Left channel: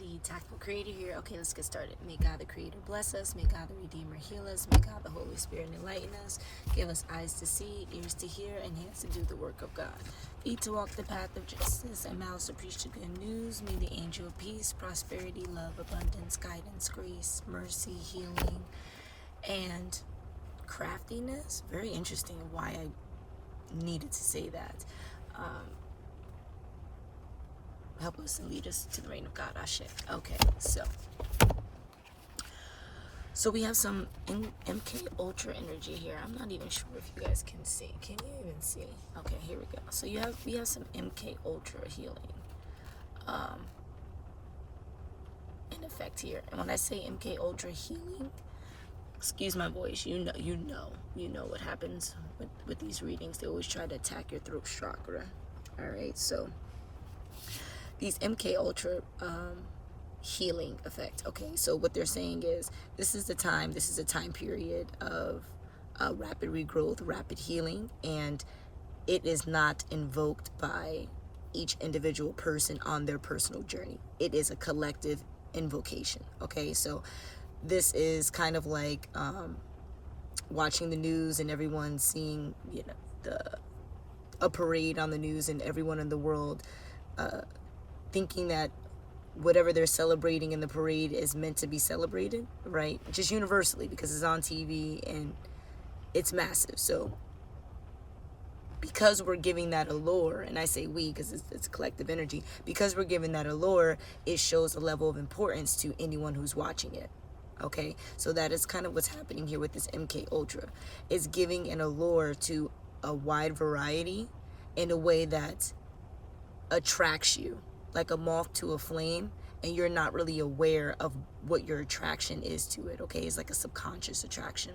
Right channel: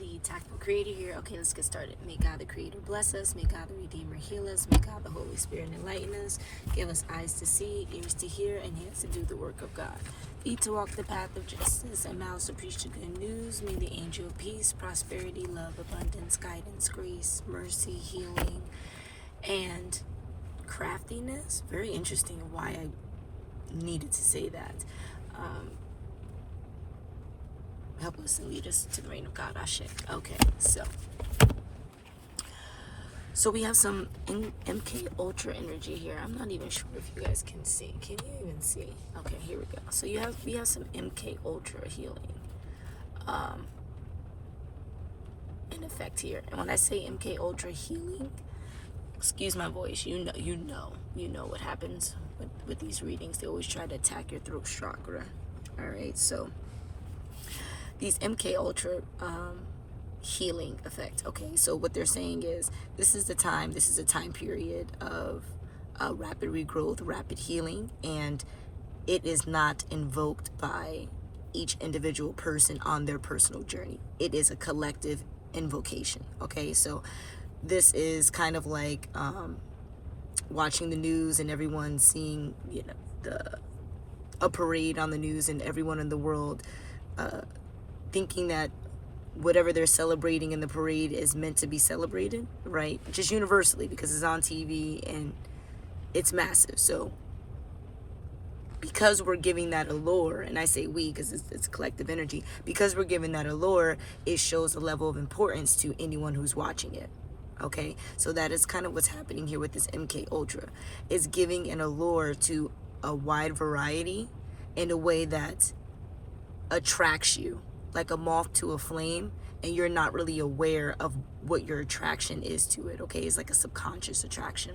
the TAKful Creator here. Okay, let's get started. May God the Creator bless us. May God the Redeemer heal us. May God the Holy Spirit enlighten us. Give us eyes to see, ears to hear, and hands to do the work of God. Feet to walk the path of justice, and mouths to preach the good news. May the angel of peace, prosperity, love, abundance, guidance, grace, mercy, healing, and craftiness. Very interesting why I needed to say that. Help us and lead us to the reign of God. Ashe. Okay, so we have some MK Ultra energy here. I'm not even sure if you guys can see. Can you even see? Okay, here we go. So we have some MK Ultra healing in effect here. And when I say MK Ultra healing, excuse my voice, you know what happens with these readings. They always try to attack your throat chakra. All right, so these MK Ultra healing effect. Okay, so what they're saying is this is a time period of rapid regrowth, rapid healing, and it is not invoked by each individual person on their personal journey. It is a collective invocation. Okay, so this is kind of like watching the news and everyone seeing, a parade on the news and everyone in the world thinking that whatever they're celebrating in the parade is meant to be celebrated, right? Just universally, because it's on TV and it's massive. So because we're giving that allure, and I say we because it's collective energy, because we're giving that allure, it shows a level of importance to anyone who's watching it. Okay, so that is kind of what's happening here with this MK Ultra. It's giving an allure to a wide variety in a way that attracts you, like a moth to a flame, and you're not really aware of what your attraction is to it. Okay, it's like a subconscious attraction,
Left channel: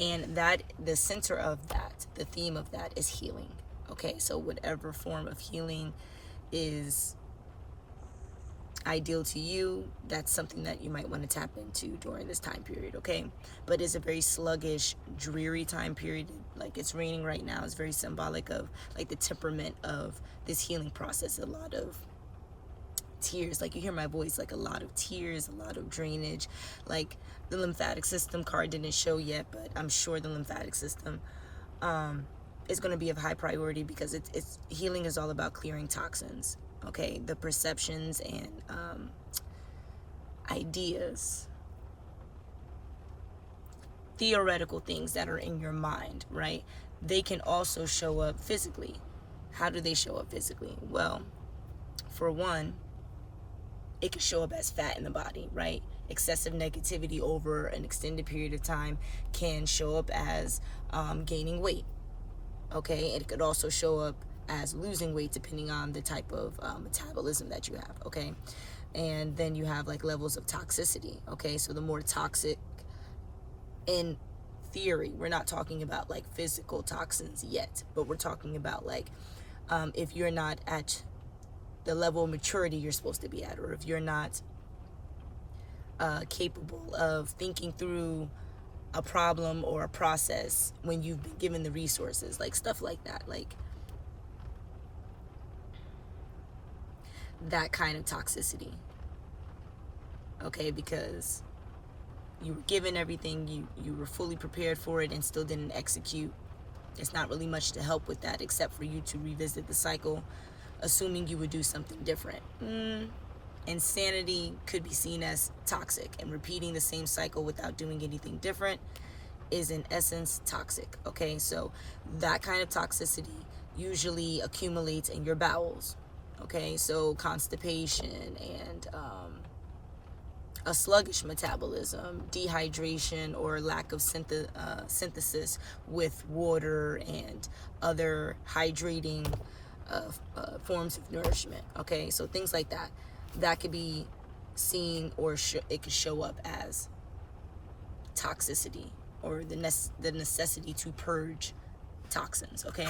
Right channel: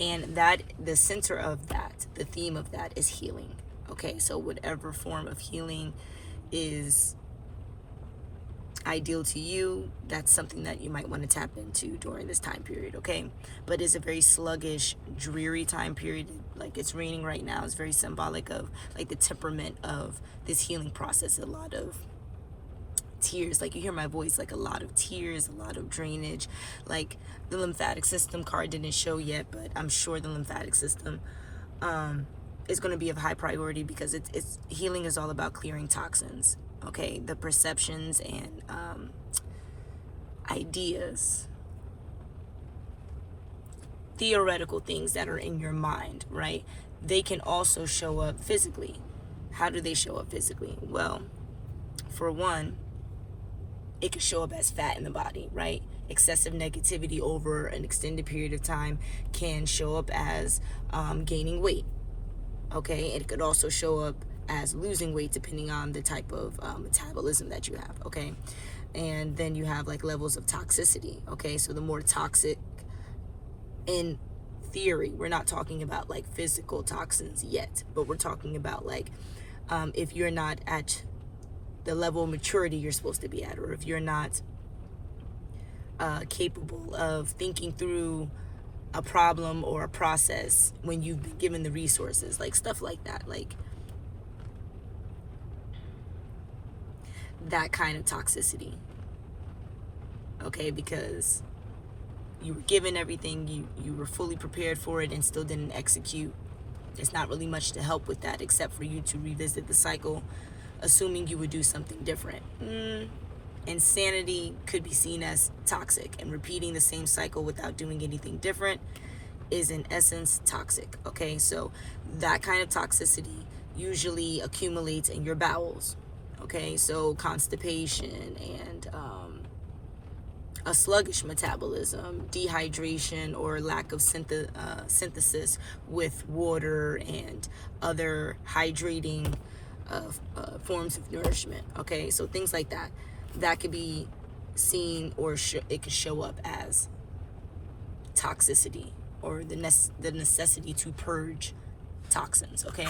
and that the center of that, the theme of that, is healing. Okay, so whatever form of healing is ideal to you, that's something that you might want to tap into during this time period. Okay, but it's a very sluggish, dreary time period. Like it's raining right now. It's very symbolic of like the temperament of this healing process. A lot of tears, like you hear my voice, like a lot of tears, a lot of drainage. Like the lymphatic system card didn't show yet, but I'm sure the lymphatic system is going to be of high priority, because it's healing is all about clearing toxins. Okay, the perceptions and ideas, theoretical things that are in your mind, right? They can also show up physically. How do they show up physically? Well, for one, it can show up as fat in the body, right? Excessive negativity over an extended period of time can show up as gaining weight. Okay, it could also show up as losing weight depending on the type of metabolism that you have. Okay, and then you have like levels of toxicity. Okay, so the more toxic, in theory, we're not talking about like physical toxins yet, but we're talking about like if you're not at the level of maturity you're supposed to be at, or if you're not capable of thinking through a problem or a process when you've been given the resources, like stuff like that, like that kind of toxicity. Okay, because you were given everything, you were fully prepared for it and still didn't execute. There's not really much to help with that except for you to revisit the cycle, assuming you would do something different. Insanity could be seen as toxic, and repeating the same cycle without doing anything different is in essence toxic. Okay, so that kind of toxicity usually accumulates in your bowels. Okay, so constipation and a sluggish metabolism, dehydration, or lack of synthesis with water and other hydrating forms of nourishment. Okay, so things like that, that could be seen, or it could show up as toxicity, or the necessity to purge toxins. Okay,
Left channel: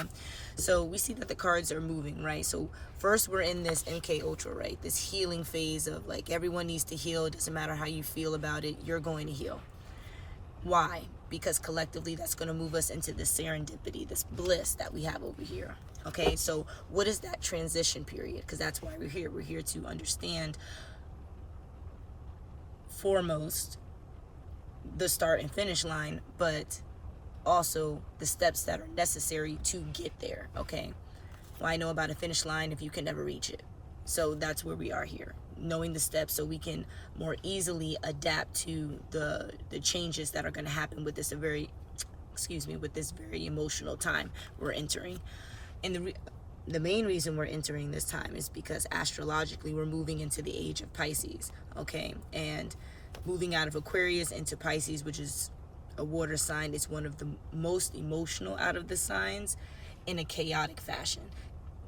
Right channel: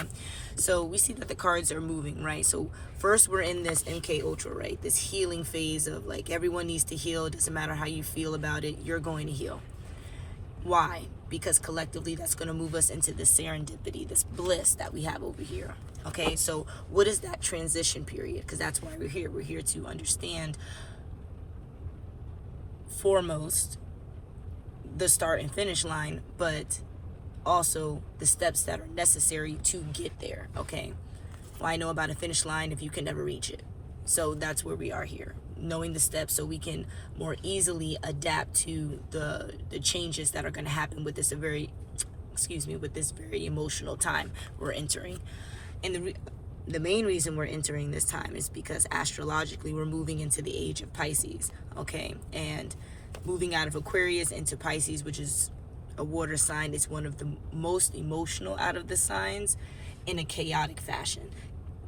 so we see that the cards are moving, right? So first we're in this MK Ultra, right? This healing phase of like everyone needs to heal. It doesn't matter how you feel about it, you're going to heal. Why? Because collectively that's going to move us into the serendipity, this bliss that we have over here. Okay, so what is that transition period? Because that's why we're here. We're here to understand foremost the start and finish line, but also the steps that are necessary to get there, okay? Why know about a finish line if you can never reach it? So that's where we are here, knowing the steps so we can more easily adapt to the changes that are going to happen with this very emotional time we're entering. And the main reason we're entering this time is because astrologically we're moving into the age of Pisces, okay? And moving out of Aquarius into Pisces, which is a water sign, is one of the most emotional out of the signs in a chaotic fashion.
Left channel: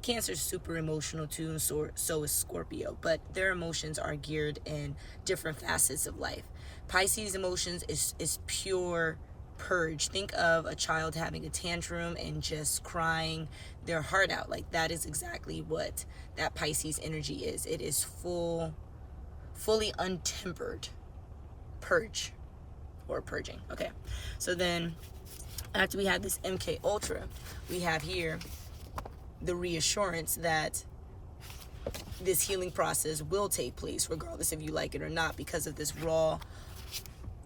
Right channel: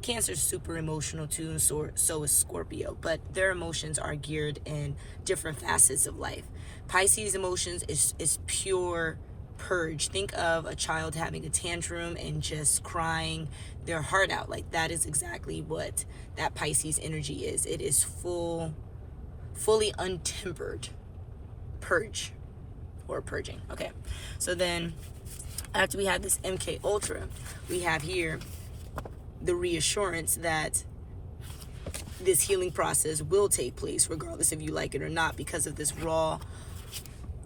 Cancer's super emotional too, and so is Scorpio, but their emotions are geared in different facets of life. Pisces emotions is pure purge. Think of a child having a tantrum and just crying their heart out. Like, that is exactly what that Pisces energy is. It is fully untempered purge, or purging. Okay, so then after we have this MK Ultra, we have here the reassurance that this healing process will take place regardless if you like it or not, because of this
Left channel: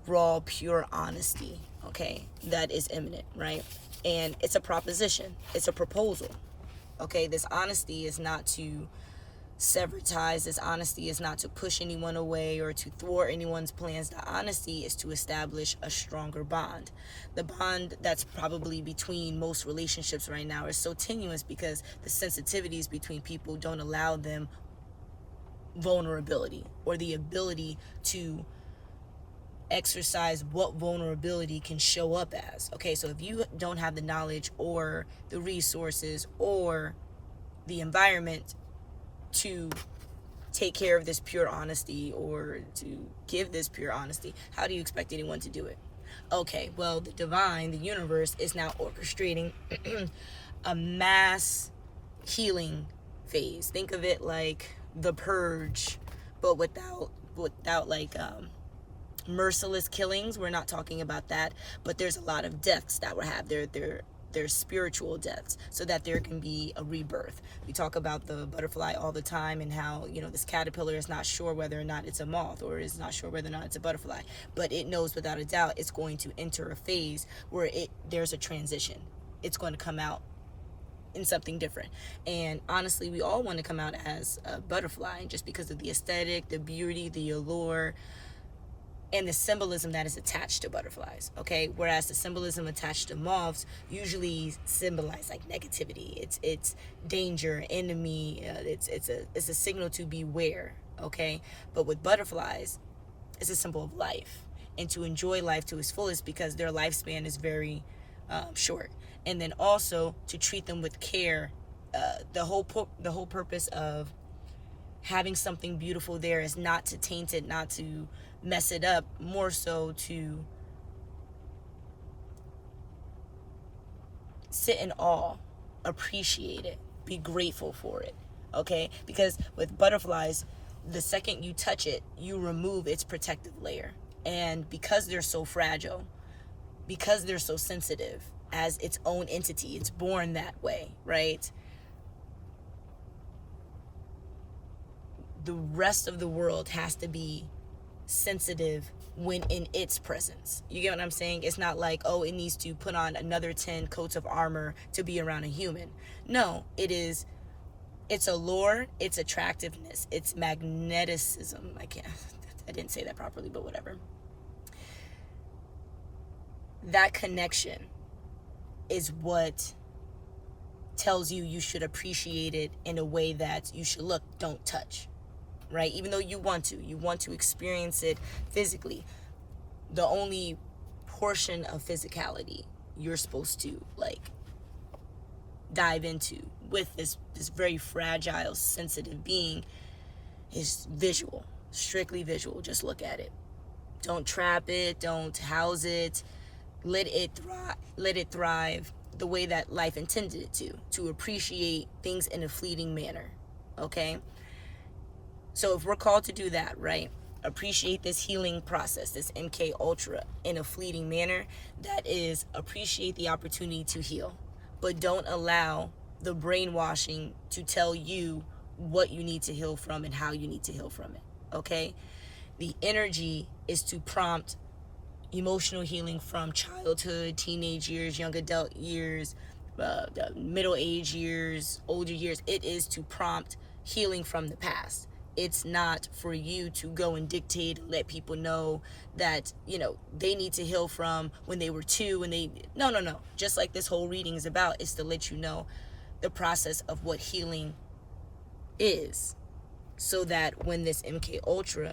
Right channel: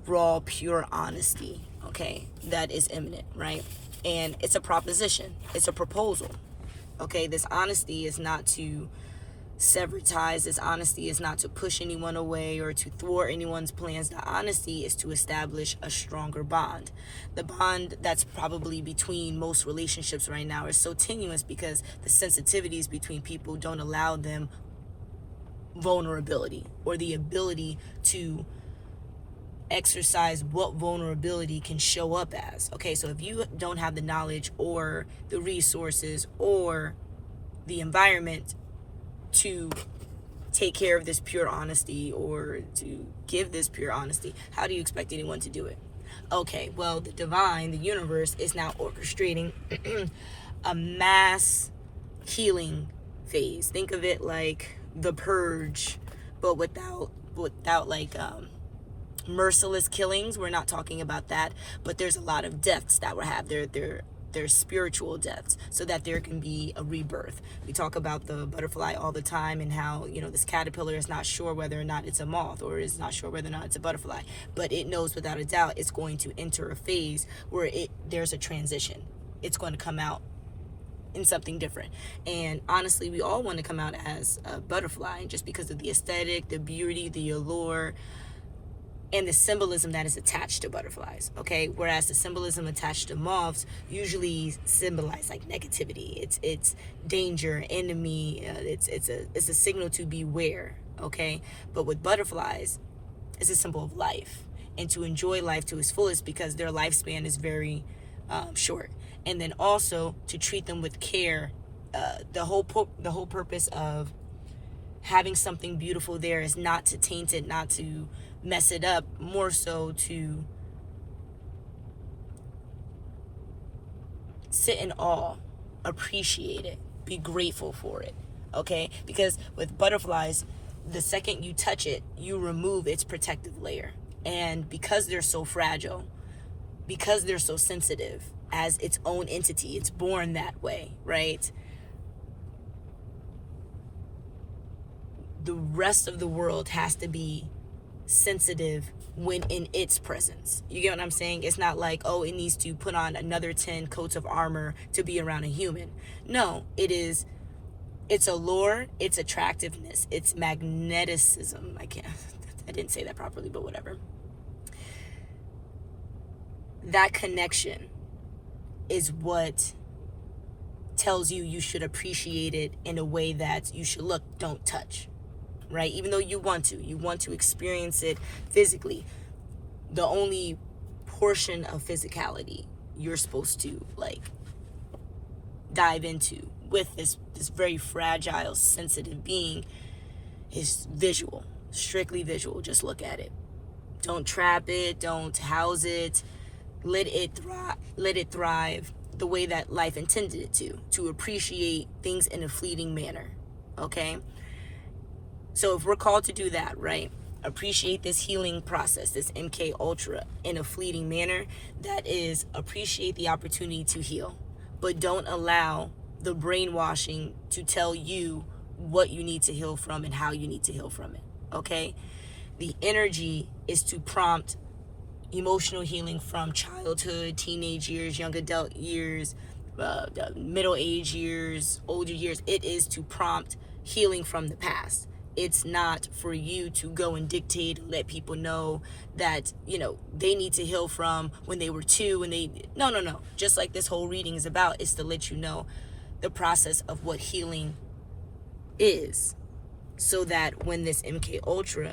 raw pure honesty, okay, that is imminent, right? And it's a proposition, it's a proposal, okay? This honesty is not to sever ties. This honesty is not to push anyone away or to thwart anyone's plans. The honesty is to establish a stronger bond. The bond that's probably between most relationships right now is so tenuous because the sensitivities between people don't allow them vulnerability or the ability to exercise what vulnerability can show up as. Okay, so if you don't have the knowledge or the resources or the environment to take care of this pure honesty or to give this pure honesty, how do you expect anyone to do it? Okay, well, the divine, the universe, is now orchestrating a mass healing phase. Think of it like the purge, but without like merciless killings. We're not talking about that, but there's a lot of deaths that will have their spiritual deaths, so that there can be a rebirth. We talk about the butterfly all the time and how, this caterpillar is not sure whether or not it's a moth or is not sure whether or not it's a butterfly, but it knows without a doubt it's going to enter a phase where there's a transition. It's going to come out in something different. And honestly, we all want to come out as a butterfly just because of the aesthetic, the beauty, the allure, and the symbolism that is attached to butterflies, okay? Whereas the symbolism attached to moths usually symbolize like negativity. It's danger, enemy. It's a signal to beware, okay? But with butterflies, it's a symbol of life and to enjoy life to its fullest because their lifespan is very short. And then also to treat them with care. The whole purpose of having something beautiful there is not to taint it, not to mess it up, more so to sit in awe, appreciate it, be grateful for it, okay? Because with butterflies, the second you touch it, you remove its protective layer. And because they're so fragile, because they're so sensitive as its own entity, it's born that way, right? The rest of the world has to be sensitive when in its presence. You get what I'm saying? It's not like, oh, it needs to put on another 10 coats of armor to be around a human. No, it's allure, its attractiveness, its magneticism. I didn't say that properly, but whatever. That connection is what tells you should appreciate it in a way that you should look, don't touch. Right? Even though you want to experience it physically. The only portion of physicality you're supposed to like dive into with this very fragile, sensitive being is visual, strictly visual. Just look at it. Don't trap it, don't house it. Let it thrive the way that life intended it to appreciate things in a fleeting manner. Okay? So if we're called to do that, right, appreciate this healing process, this MK Ultra, in a fleeting manner, that is, appreciate the opportunity to heal. But don't allow the brainwashing to tell you what you need to heal from and how you need to heal from it, okay? The energy is to prompt emotional healing from childhood, teenage years, young adult years, middle age years, older years. It is to prompt healing from the past. It's not for you to go and dictate and let people know that, they need to heal from when they were 2 and no. Just like this whole reading is about, is to let you know the process of what healing is, so that when this MK Ultra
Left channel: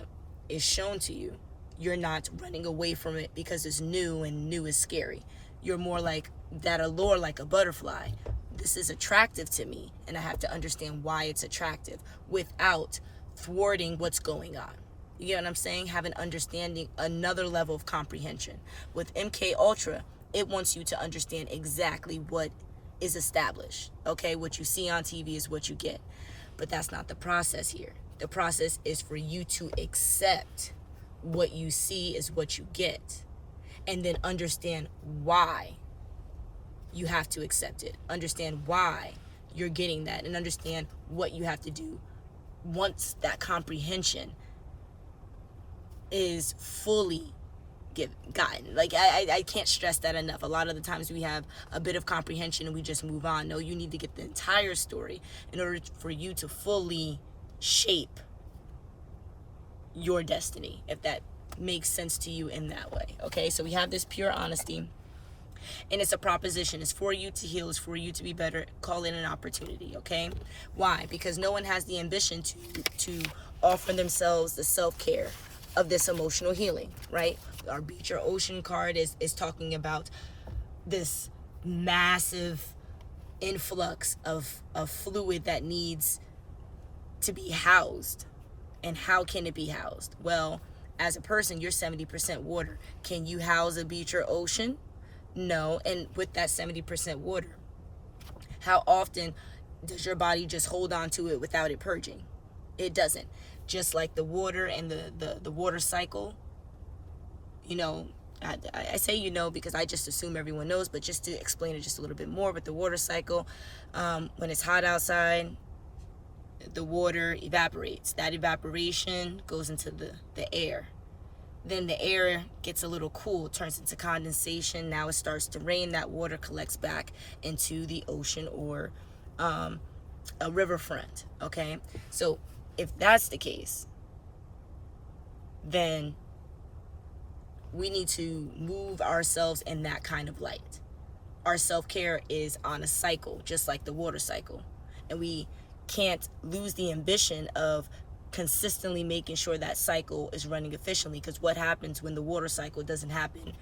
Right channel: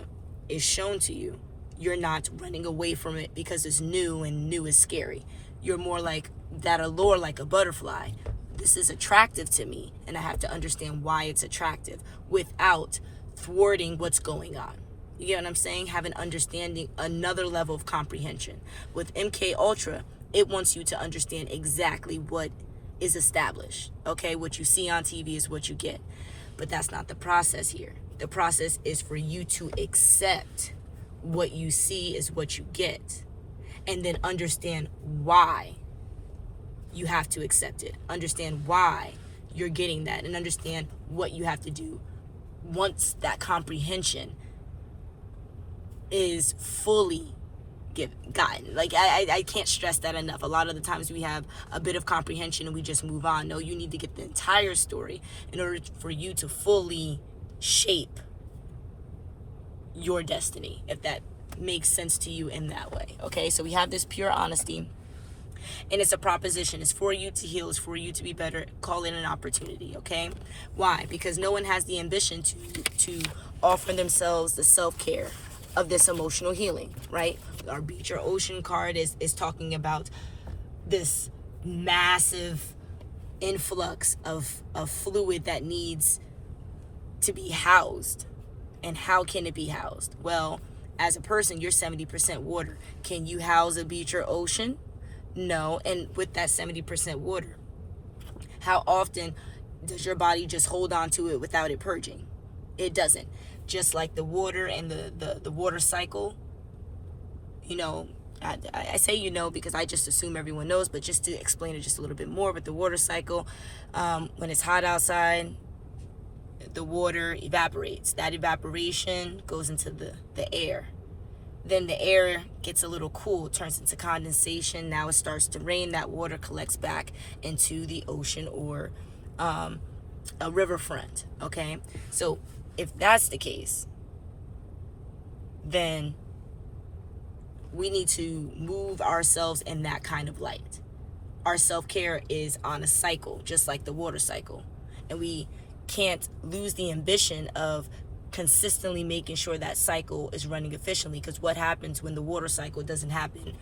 is shown to you, you're not running away from it because it's new and new is scary. You're more like that allure, like a butterfly. This is attractive to me, and I have to understand why it's attractive without thwarting what's going on. You get what I'm saying? Have an understanding, another level of comprehension. With MK Ultra, it wants you to understand exactly what is established. Okay, what you see on TV is what you get. But that's not the process here. The process is for you to accept what you see is what you get, and then understand why you have to accept it. Understand why you're getting that, and understand what you have to do once that comprehension is fully gotten. Like, I can't stress that enough. A lot of the times we have a bit of comprehension and we just move on. No, you need to get the entire story in order for you to fully shape your destiny, if that makes sense to you in that way. Okay, so we have this pure honesty, and it's a proposition. It's for you to heal. It's for you to be better. Call it an opportunity. Okay, why? Because no one has the ambition to offer themselves the self-care of this emotional healing, right? Our Beach or Ocean card is talking about this massive influx of fluid that needs to be housed. And how can it be housed? Well, as a person, you're 70% water. Can you house a beach or ocean? No. And with that 70% water, how often does your body just hold on to it without it purging? It doesn't. Just like the water and the water cycle, I say because I just assume everyone knows, but just to explain it just a little bit more, but the water cycle, when it's hot outside, the water evaporates. That evaporation goes into the air. Then the air gets a little cool, turns into condensation. Now it starts to rain. That water collects back into the ocean or a riverfront. Okay, so if that's the case, then we need to move ourselves in that kind of light. Our self-care is on a cycle, just like the water cycle, and we can't lose the ambition of consistently making sure that cycle is running efficiently. Because what happens when the water cycle doesn't happen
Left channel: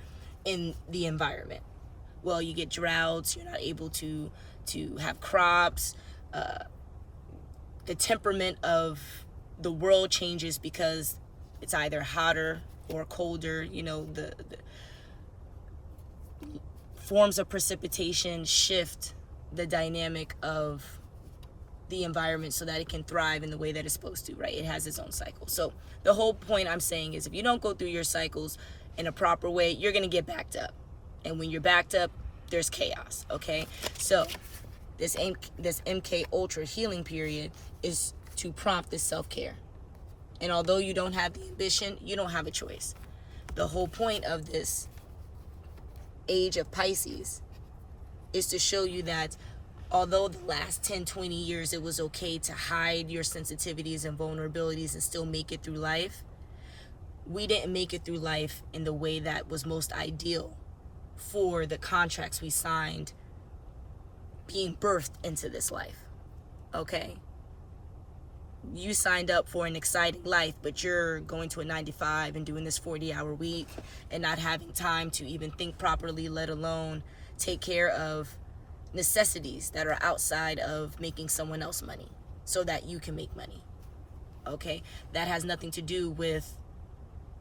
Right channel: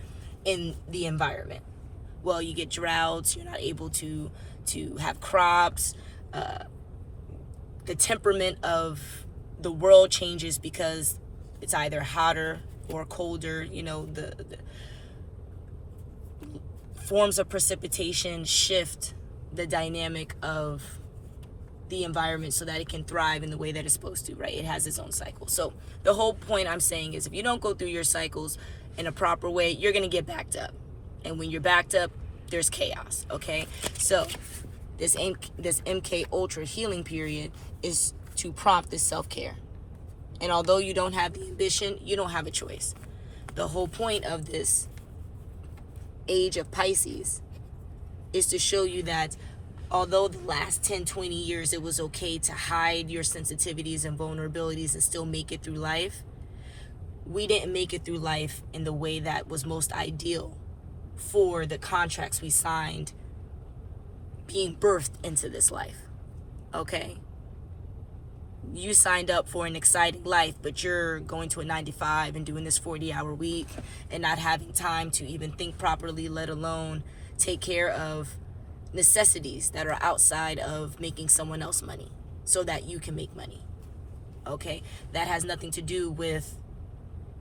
in the environment? Well, you get droughts. You're not able to have crops. The temperament of the world changes because it's either hotter or colder. The forms of precipitation shift the dynamic of the environment so that it can thrive in the way that it's supposed to, right? It has its own cycle. So the whole point I'm saying is, if you don't go through your cycles in a proper way, you're going to get backed up. And when you're backed up, there's chaos, okay? So this MK Ultra healing period is to prompt this self-care. And although you don't have the ambition, you don't have a choice. The whole point of this age of Pisces is to show you that although the last 10, 20 years it was okay to hide your sensitivities and vulnerabilities and still make it through life, we didn't make it through life in the way that was most ideal for the contracts we signed being birthed into this life. Okay? You signed up for an exciting life, but you're going to a 9-to-5 and doing this 40-hour week and not having time to even think properly, let alone take care of necessities that are outside of making someone else money so that you can make money. Okay? That has nothing to do with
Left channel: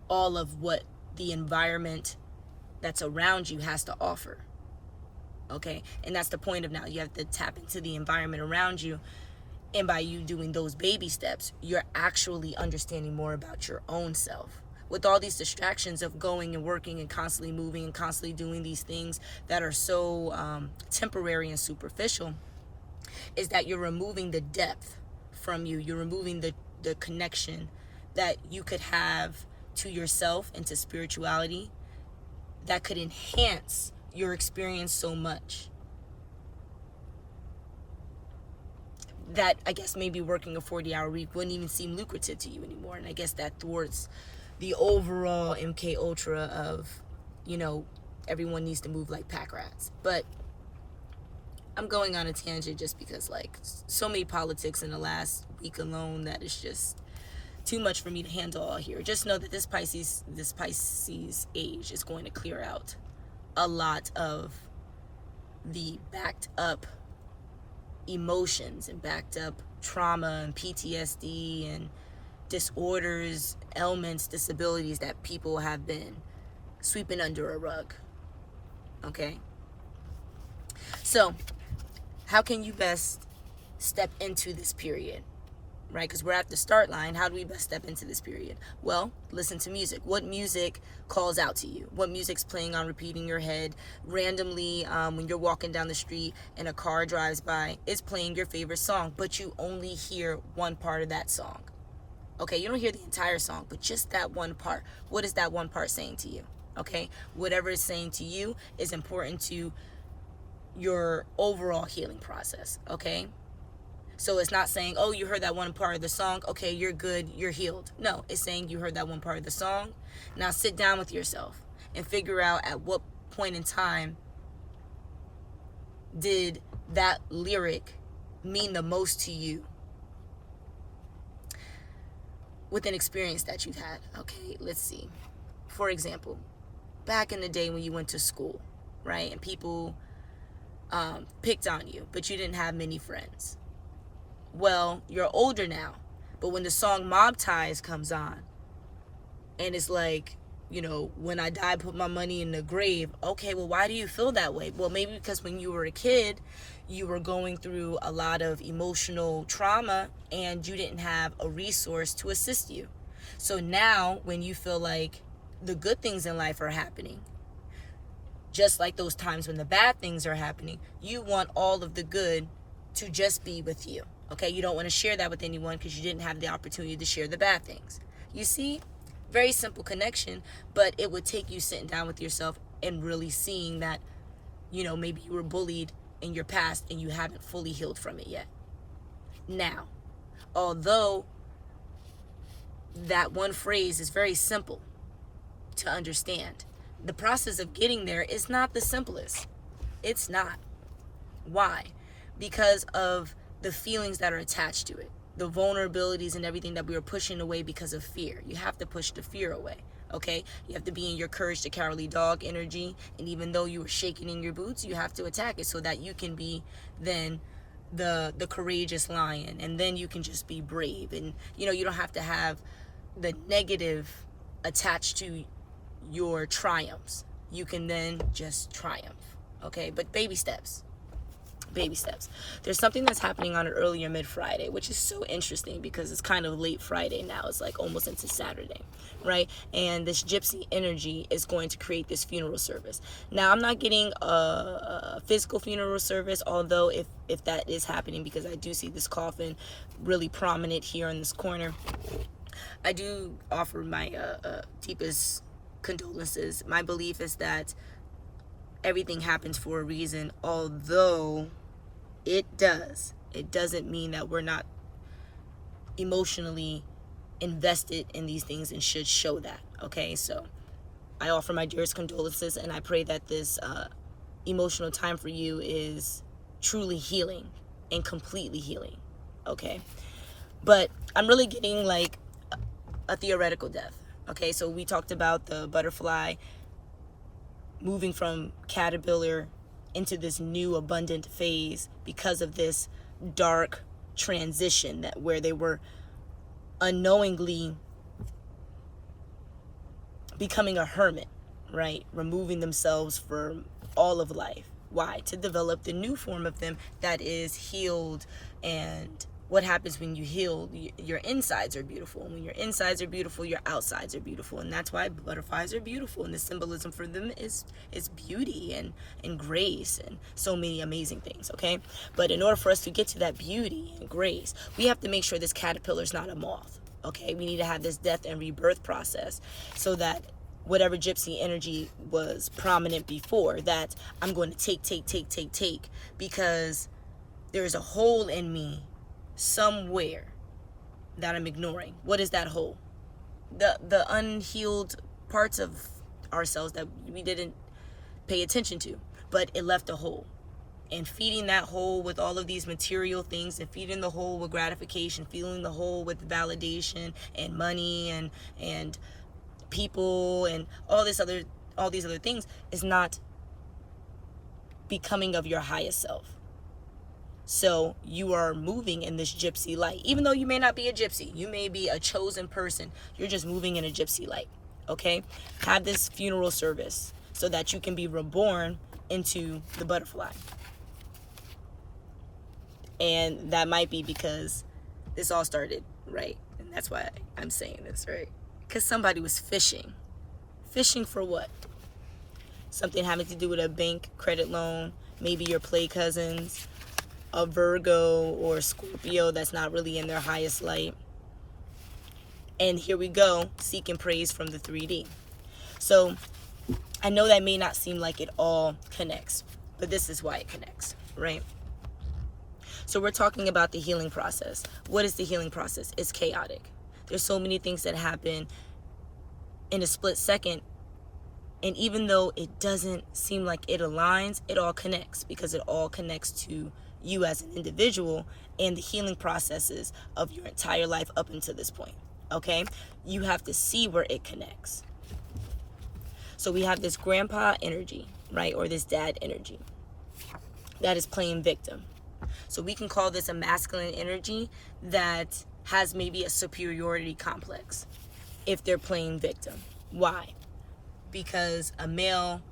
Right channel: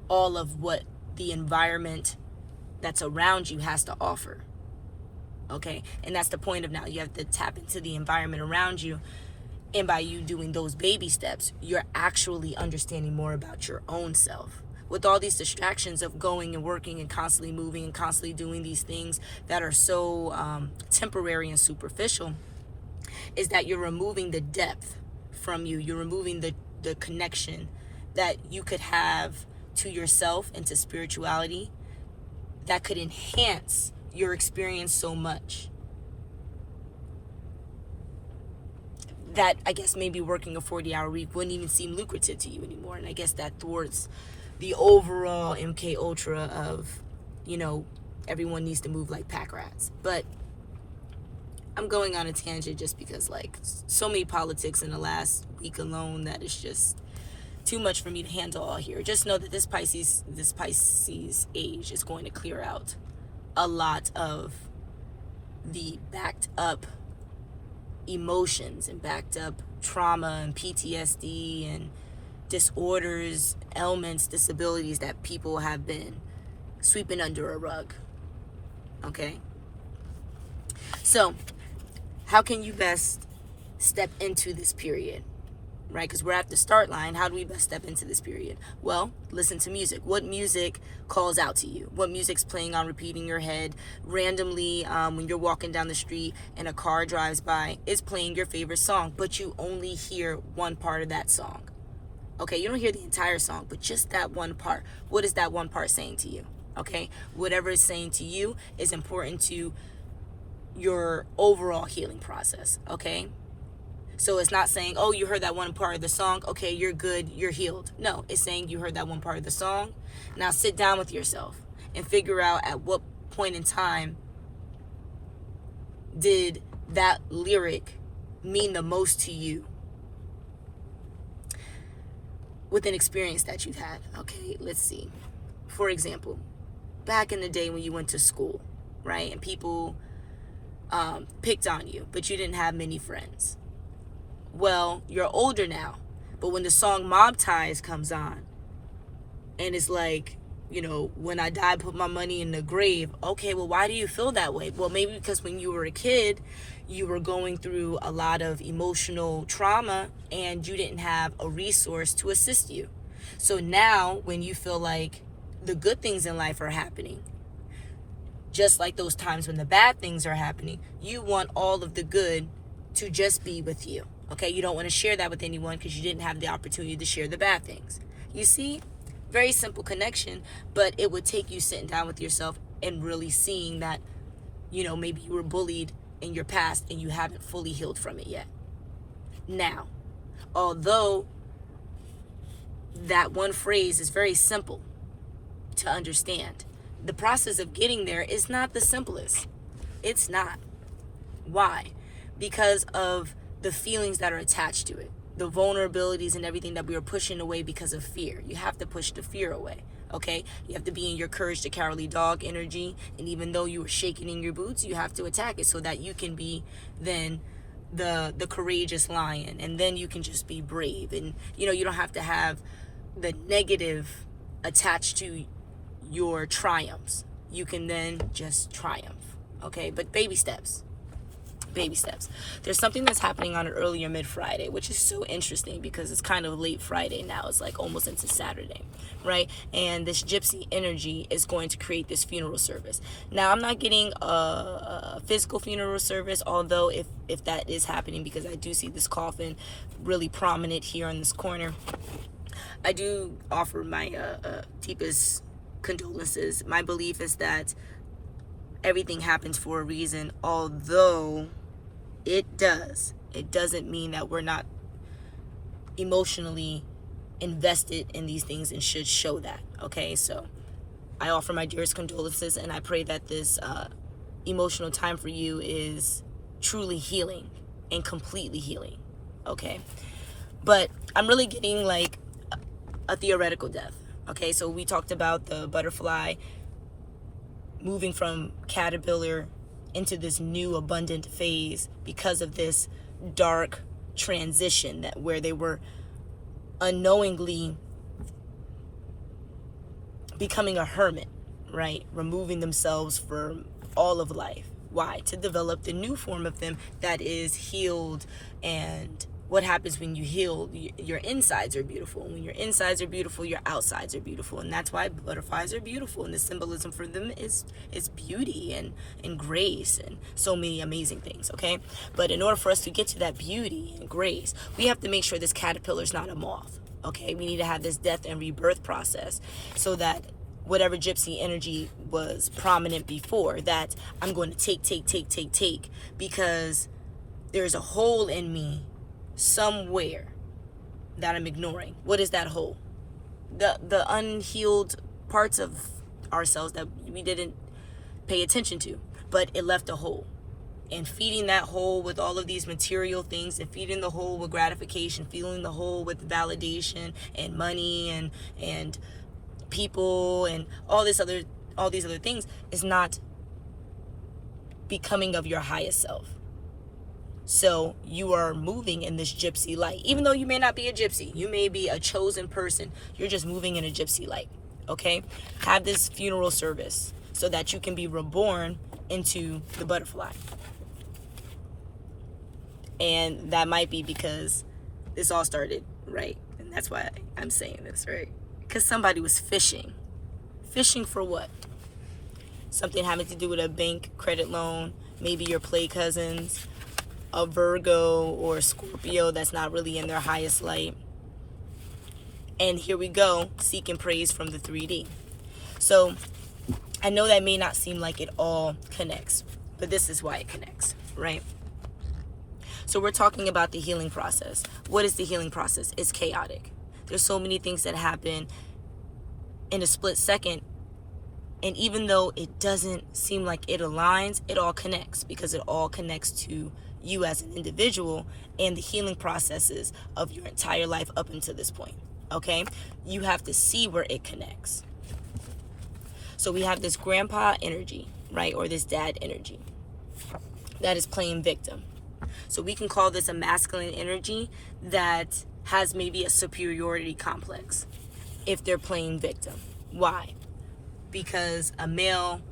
all of what the environment that's around you has to offer. Okay? And that's the point of now. You have to tap into the environment around you. And by you doing those baby steps, you're actually understanding more about your own self. With all these distractions of going and working and constantly moving and constantly doing these things that are so temporary and superficial, is that you're removing the depth from you. You're removing the connection that you could have to yourself and to spirituality that could enhance your experience so much that I guess maybe working a 40-hour week wouldn't even seem lucrative to you anymore. And I guess that thwarts the overall MK Ultra of, you know, everyone needs to move like pack rats. But I'm going on a tangent just because, like, so many politics in the last week alone that it's just too much for me to handle all here. Just know that this Pisces age is going to clear out a lot of the backed up emotions and backed up trauma and PTSD and disorders, ailments, disabilities that people have been sweeping under a rug. Okay? So, how can you best step into this period? Right? Because we're at the start line. How do we best step into this period? Well, listen to music. What music calls out to you? What music's playing on repeat in your head? Randomly, when you're walking down the street and a car drives by, it's playing your favorite song, but you only hear one part of that song. Okay, you don't hear the entire song, but just that one part. What is that one part saying to you? Okay, whatever it's saying to you is important to your overall healing process. Okay? So it's not saying, oh, you heard that one part of the song, okay, you're good, you're healed. No, it's saying you heard that one part of the song. Now sit down with yourself and figure out at what point in time did that lyric mean the most to you with an experience that you've had. Okay, let's see. For example, back in the day when you went to school, right, and people picked on you, but you didn't have many friends. Well, you're older now, but when the song Mob Ties comes on, and it's like, you know, when I die, put my money in the grave. Okay, well, why do you feel that way? Well, maybe because when you were a kid, you were going through a lot of emotional trauma, and you didn't have a resource to assist you. So now, when you feel like the good things in life are happening, just like those times when the bad things are happening, you want all of the good to just be with you. Okay, you don't want to share that with anyone because you didn't have the opportunity to share the bad things. You see, very simple connection, but it would take you sitting down with yourself and really seeing that, you know, maybe you were bullied in your past and you haven't fully healed from it yet. Now, although that one phrase is very simple to understand, the process of getting there is not the simplest. It's not. Why? Because of the feelings that are attached to it, the vulnerabilities and everything that we are pushing away because of fear. You have to push the fear away, okay? You have to be in your courage the cowardly dog energy, and even though you are shaking in your boots, you have to attack it so that you can be then the courageous lion, and then you can just be brave, and you know, you don't have to have the negative attached to your triumphs. You can then just triumph, okay? But baby steps. Baby steps. There's something that's happening on an earlier mid-Friday, which is so interesting because it's kind of late Friday now. It's like almost into Saturday, right? And this gypsy energy is going to create this funeral service. Now, I'm not getting a physical funeral service, although if that is happening, because I do see this coffin really prominent here in this corner, I do offer my deepest condolences. My belief is that everything happens for a reason, although it doesn't mean that we're not emotionally invested in these things and should show that. Okay, so I offer my dearest condolences, and I pray that this emotional time for you is truly healing and completely healing. Okay, but I'm really getting like a theoretical death. Okay, so we talked about the butterfly moving from caterpillar into this new abundant phase because of this dark transition that where they were unknowingly becoming a hermit, right? Removing themselves from all of life. Why? To develop the new form of them that is healed. And what happens when you heal? Your insides are beautiful. When your insides are beautiful, your outsides are beautiful. And that's why butterflies are beautiful. And the symbolism for them is beauty and grace and so many amazing things, okay? But in order for us to get to that beauty and grace, we have to make sure this caterpillar is not a moth, Okay, we need to have this death and rebirth process so that whatever gypsy energy was prominent before, that I'm going to take, because there's a hole in me somewhere that I'm ignoring. What is that hole? The unhealed parts of ourselves that we didn't pay attention to, but it left a hole. And feeding that hole with all of these material things, and feeding the hole with gratification, filling the hole with validation and money and people and all these other things, is not becoming of your highest self. So you are moving in this gypsy light. Even though you may not be a gypsy, you may be a chosen person, you're just moving in a gypsy light. Okay? Have this funeral service so that you can be reborn into the butterfly. And that might be because this all started, right? And that's why I'm saying this, right? Because somebody was fishing. Fishing for what? Something having to do with a bank credit loan, maybe your play cousins, a Virgo or Scorpio that's not really in their highest light. And here we go, seeking praise from the 3D. So I know that may not seem like it all connects, but this is why it connects, right? So we're talking about the healing process. What is the healing process? It's chaotic. There's so many things that happen in a split second. And even though it doesn't seem like it aligns, it all connects, because it all connects to you as an individual and the healing processes of your entire life up until this point. Okay? You have to see where it connects. So we have this grandpa energy, right? Or this dad energy that is playing victim. So we can call this a masculine energy that has maybe a superiority complex if they're playing victim. Why? Because a male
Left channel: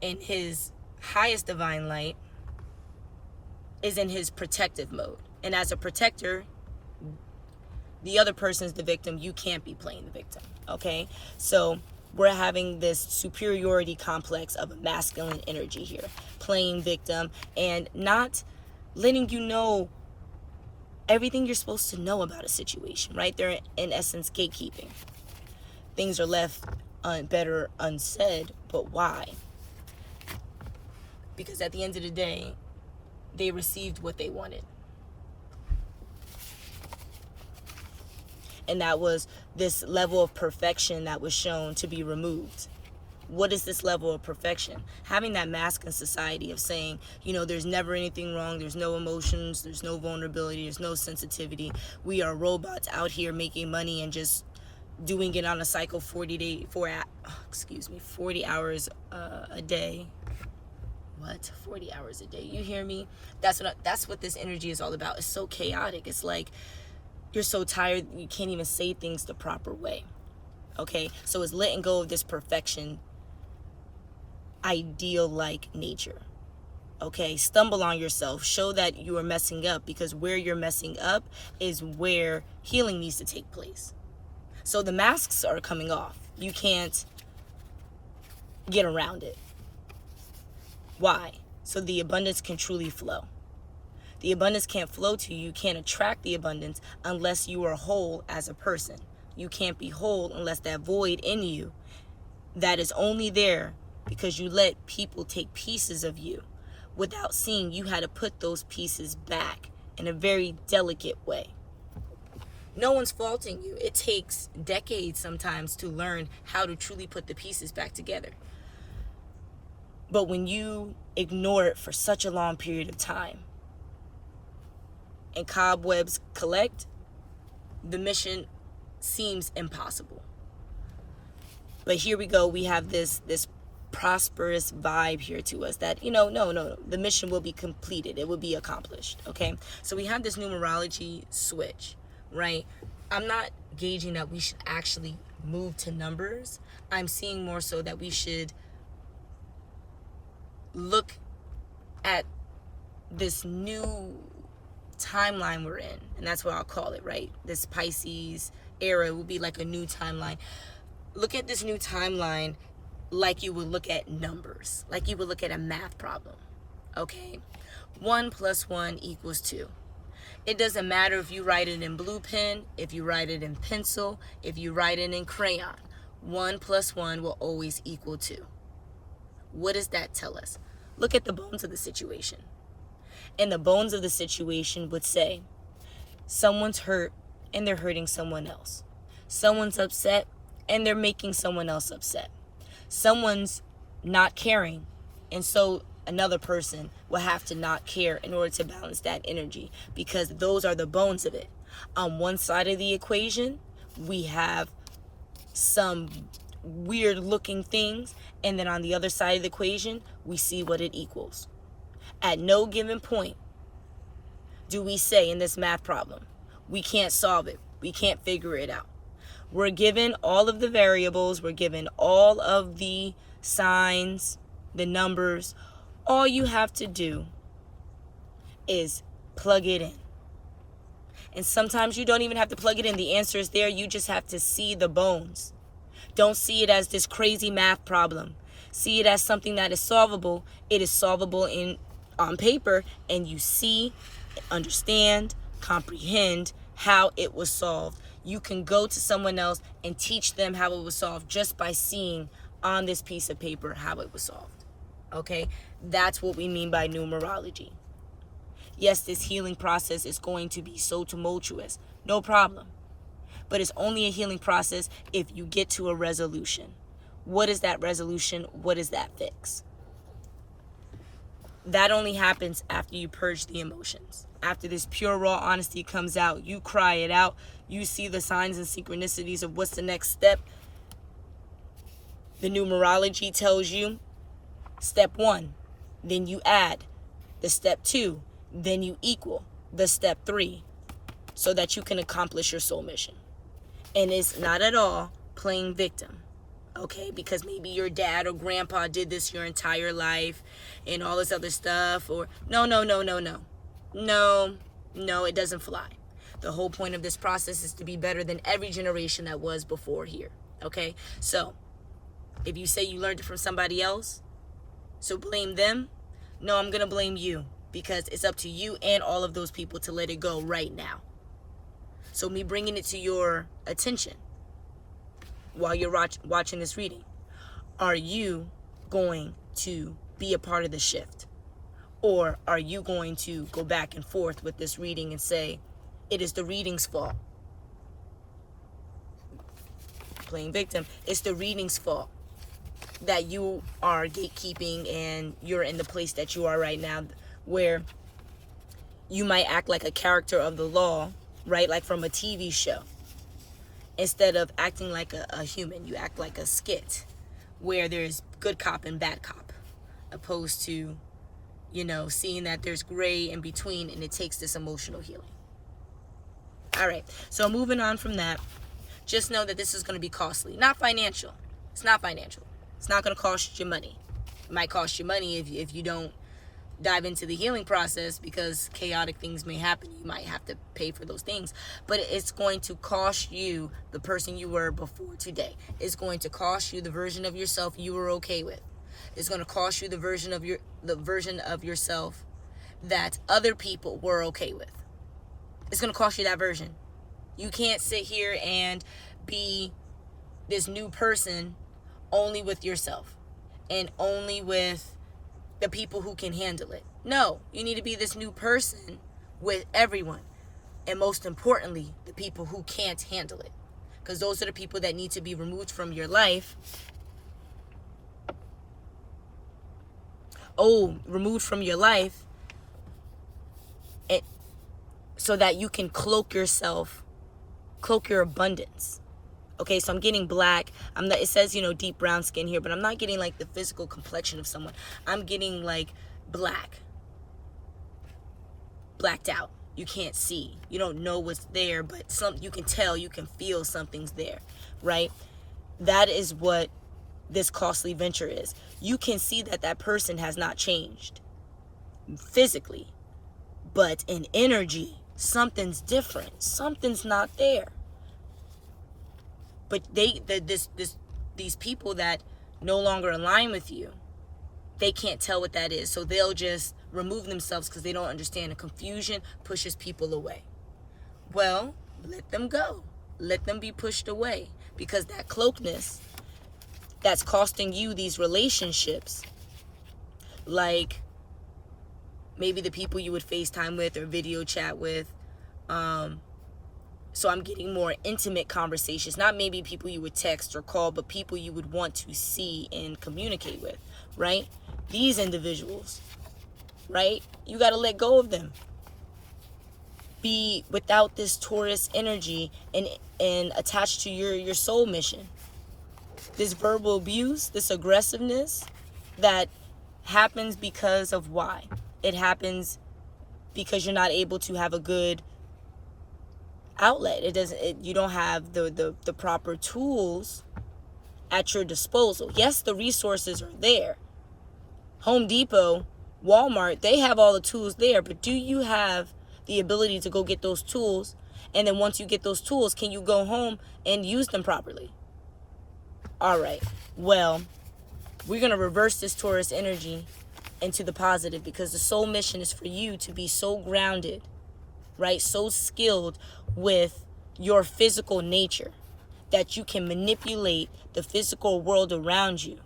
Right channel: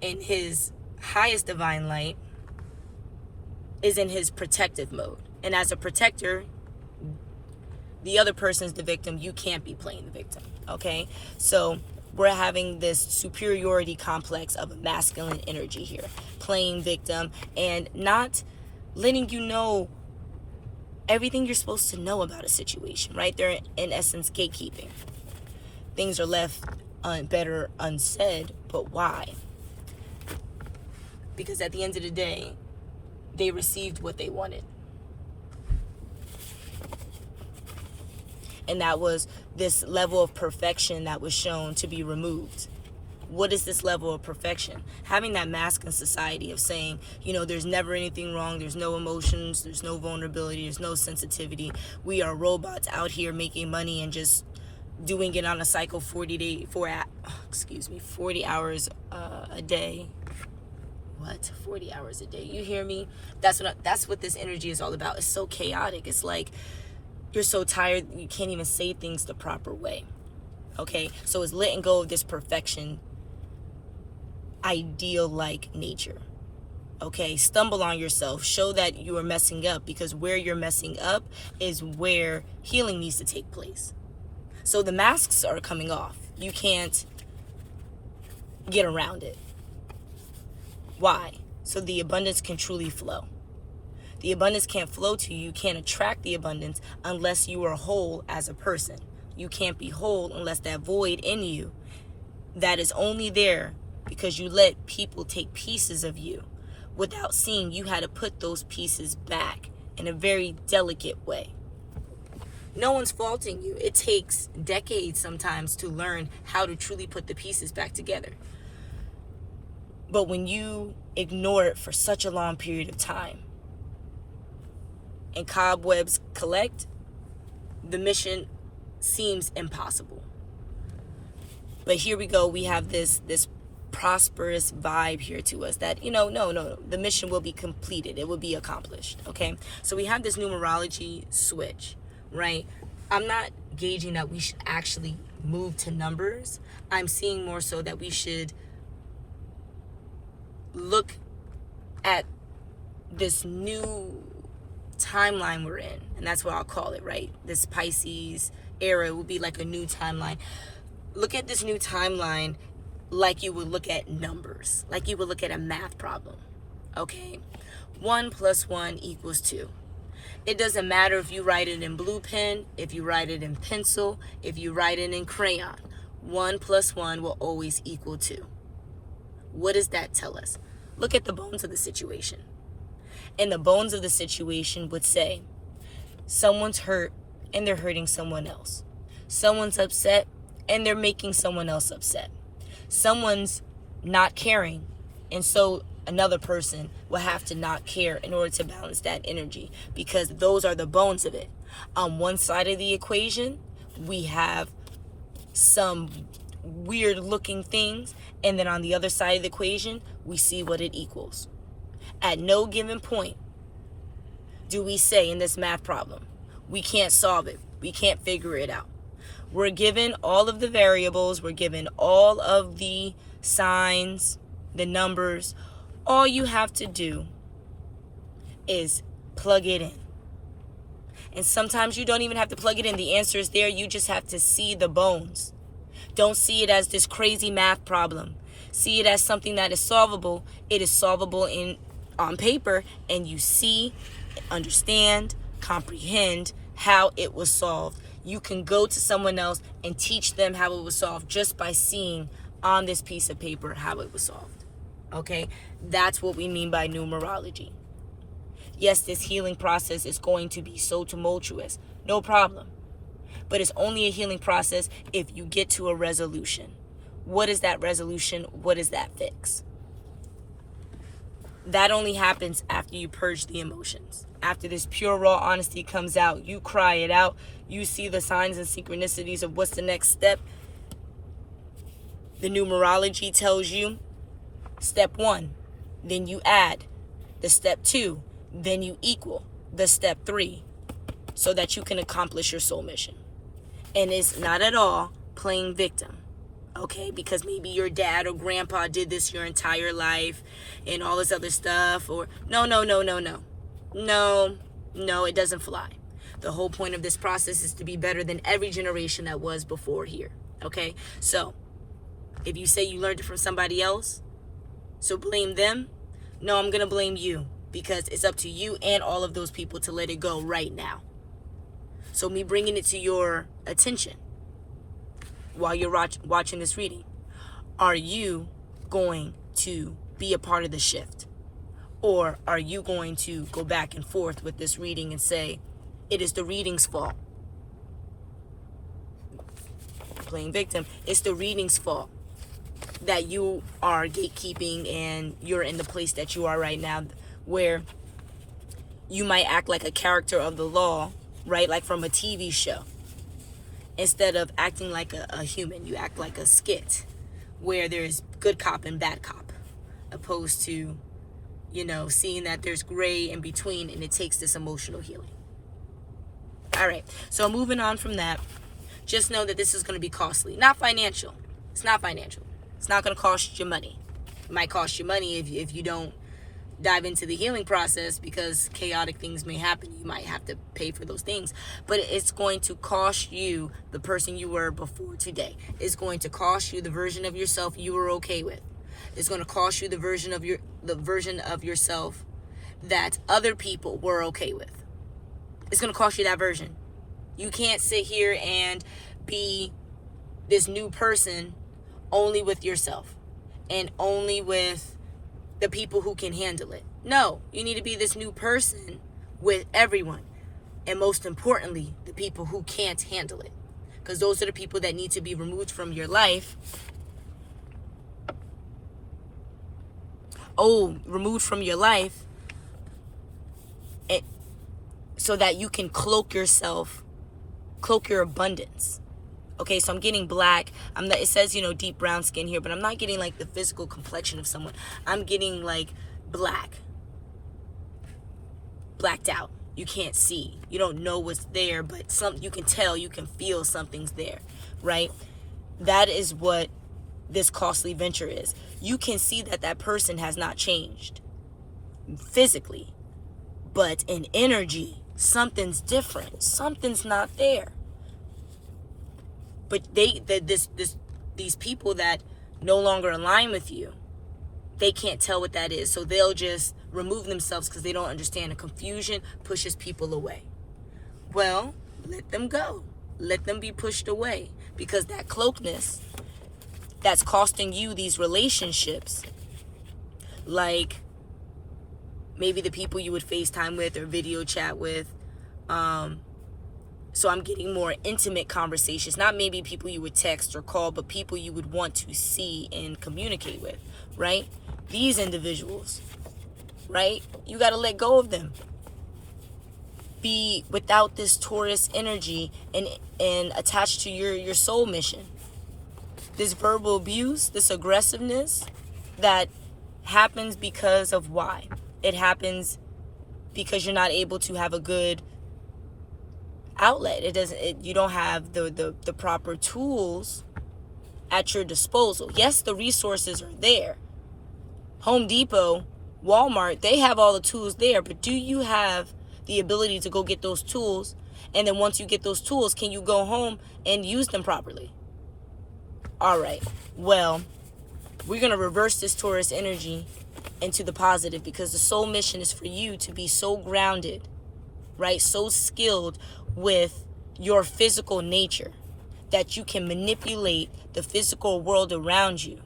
in his highest divine light is in his protective mode. And as a protector, the other person's the victim. You can't be playing the victim. Okay? So we're having this superiority complex of a masculine energy here, playing victim and not letting you know everything you're supposed to know about a situation, right? They're in essence gatekeeping. Things are left better unsaid, but why? Because at the end of the day, they received what they wanted. And that was this level of perfection that was shown to be removed. What is this level of perfection? Having that masculine society of saying, you know, there's never anything wrong, there's no emotions, there's no vulnerability, there's no sensitivity. We are robots out here making money and just doing it on a cycle 40 hours a day. What? 40 hours a day. You hear me? That's what this energy is all about. It's so chaotic. It's like you're so tired you can't even say things the proper way. Okay? So it's letting go of this perfection ideal like nature. Okay? Stumble on yourself. Show that you are messing up, because where you're messing up is where healing needs to take place. So the masks are coming off. You can't get around it. Why? So the abundance can truly flow. The abundance can't flow to you. You can't attract the abundance unless you are whole as a person. You can't be whole unless that void in you that is only there because you let people take pieces of you without seeing you had to put those pieces back in a very delicate way. No one's faulting you. It takes decades sometimes to learn how to truly put the pieces back together. But when you ignore it for such a long period of time and cobwebs collect, the mission seems impossible. But here we go. We have this prosperous vibe here to us that, no, the mission will be completed. It will be accomplished. Okay? So we have this numerology switch, right? I'm not gauging that we should actually move to numbers. I'm seeing more so that we should look at this new timeline we're in, and that's what I'll call it, right? This Pisces era will be like a new timeline. Look at this new timeline like you would look at numbers, like you would look at a math problem. Okay, 1 + 1 = 2. It doesn't matter if you write it in blue pen, if you write it in pencil, if you write it in crayon. 1 plus 1 will always equal 2. What does that tell us? Look at the bones of the situation. And the bones of the situation would say, someone's hurt and they're hurting someone else. Someone's upset and they're making someone else upset. Someone's not caring, and so another person will have to not care in order to balance that energy, because those are the bones of it. On one side of the equation, we have some weird looking things, and then on the other side of the equation, we see what it equals. At no given point do we say in this math problem, we can't solve it, we can't figure it out. We're given all of the variables, we're given all of the signs, the numbers. All you have to do is plug it in. And sometimes you don't even have to plug it in. The answer is there. You just have to see the bones. Don't see it as this crazy math problem. See it as something that is solvable. It is solvable on paper, and you see, understand, comprehend how it was solved. You can go to someone else and teach them how it was solved just by seeing on this piece of paper how it was solved. Okay? That's what we mean by numerology. Yes, this healing process is going to be so tumultuous. No problem. But it's only a healing process if you get to a resolution. What is that resolution? What is that fix? That only happens after you purge the emotions. After this pure, raw honesty comes out, you cry it out, you see the signs and synchronicities of what's the next step. The numerology tells you step 1, then you add the step 2, then you equal the step 3, so that you can accomplish your soul mission. And it's not at all playing victim, okay? Because maybe your dad or grandpa did this your entire life and all this other stuff, or no, it doesn't fly. The whole point of this process is to be better than every generation that was before here, okay? So if you say you learned it from somebody else, so blame them. No, I'm going to blame you, because it's up to you and all of those people to let it go right now. So me bringing it to your attention while you're watching this reading, are you going to be a part of the shift? Or are you going to go back and forth with this reading and say, it is the reading's fault? Playing victim. It's the reading's fault that you are gatekeeping and you're in the place that you are right now, where you might act like a character of the law, right? Like from a TV show. Instead of acting like a human, you act like a skit where there's good cop and bad cop, opposed to, seeing that there's gray in between, and it takes this emotional healing. All right, so moving on from that, just know that this is going to be costly. Not financial. It's not financial. It's not going to cost you money. It might cost you money if you don't dive into the healing process, because chaotic things may happen. You might have to pay for those things, but it's going to cost you the person you were before today. It's going to cost you the version of yourself you were okay with. It's going to cost you the version of yourself that other people were okay with. It's going to cost you that version. You can't sit here and be this new person only with yourself and only with the people who can handle it. No, you need to be this new person with everyone. And most importantly, the people who can't handle it. Because those are the people that need to be removed from your life. Removed from your life, and so that you can cloak yourself, cloak your abundance. Okay, so I'm getting black. It says, deep brown skin here, but I'm not getting like the physical complexion of someone. I'm getting like blacked out. You can't see. You don't know what's there, but you can tell, you can feel something's there, right? That is what this costly venture is. You can see that person has not changed physically, but in energy, something's different. Something's not there. But these people that no longer align with you, they can't tell what that is. So they'll just remove themselves because they don't understand. The confusion pushes people away. Well, let them go. Let them be pushed away, because that cloakness that's costing you these relationships, like maybe the people you would FaceTime with or video chat with. So I'm getting more intimate conversations, not maybe people you would text or call, but people you would want to see and communicate with, right? These individuals, right? You got to let go of them. Be without this Taurus energy and attached to your soul mission. This verbal abuse, this aggressiveness that happens because of why? It happens because you're not able to have a good outlet. You don't have the proper tools at your disposal. Yes, the resources are there. Home Depot, Walmart, they have all the tools there, but do you have the ability to go get those tools? And then once you get those tools, can you go home and use them properly? All right, well, we're going to reverse this Taurus energy into the positive, because the soul mission is for you to be so grounded, right? So skilled with your physical nature that you can manipulate the physical world around you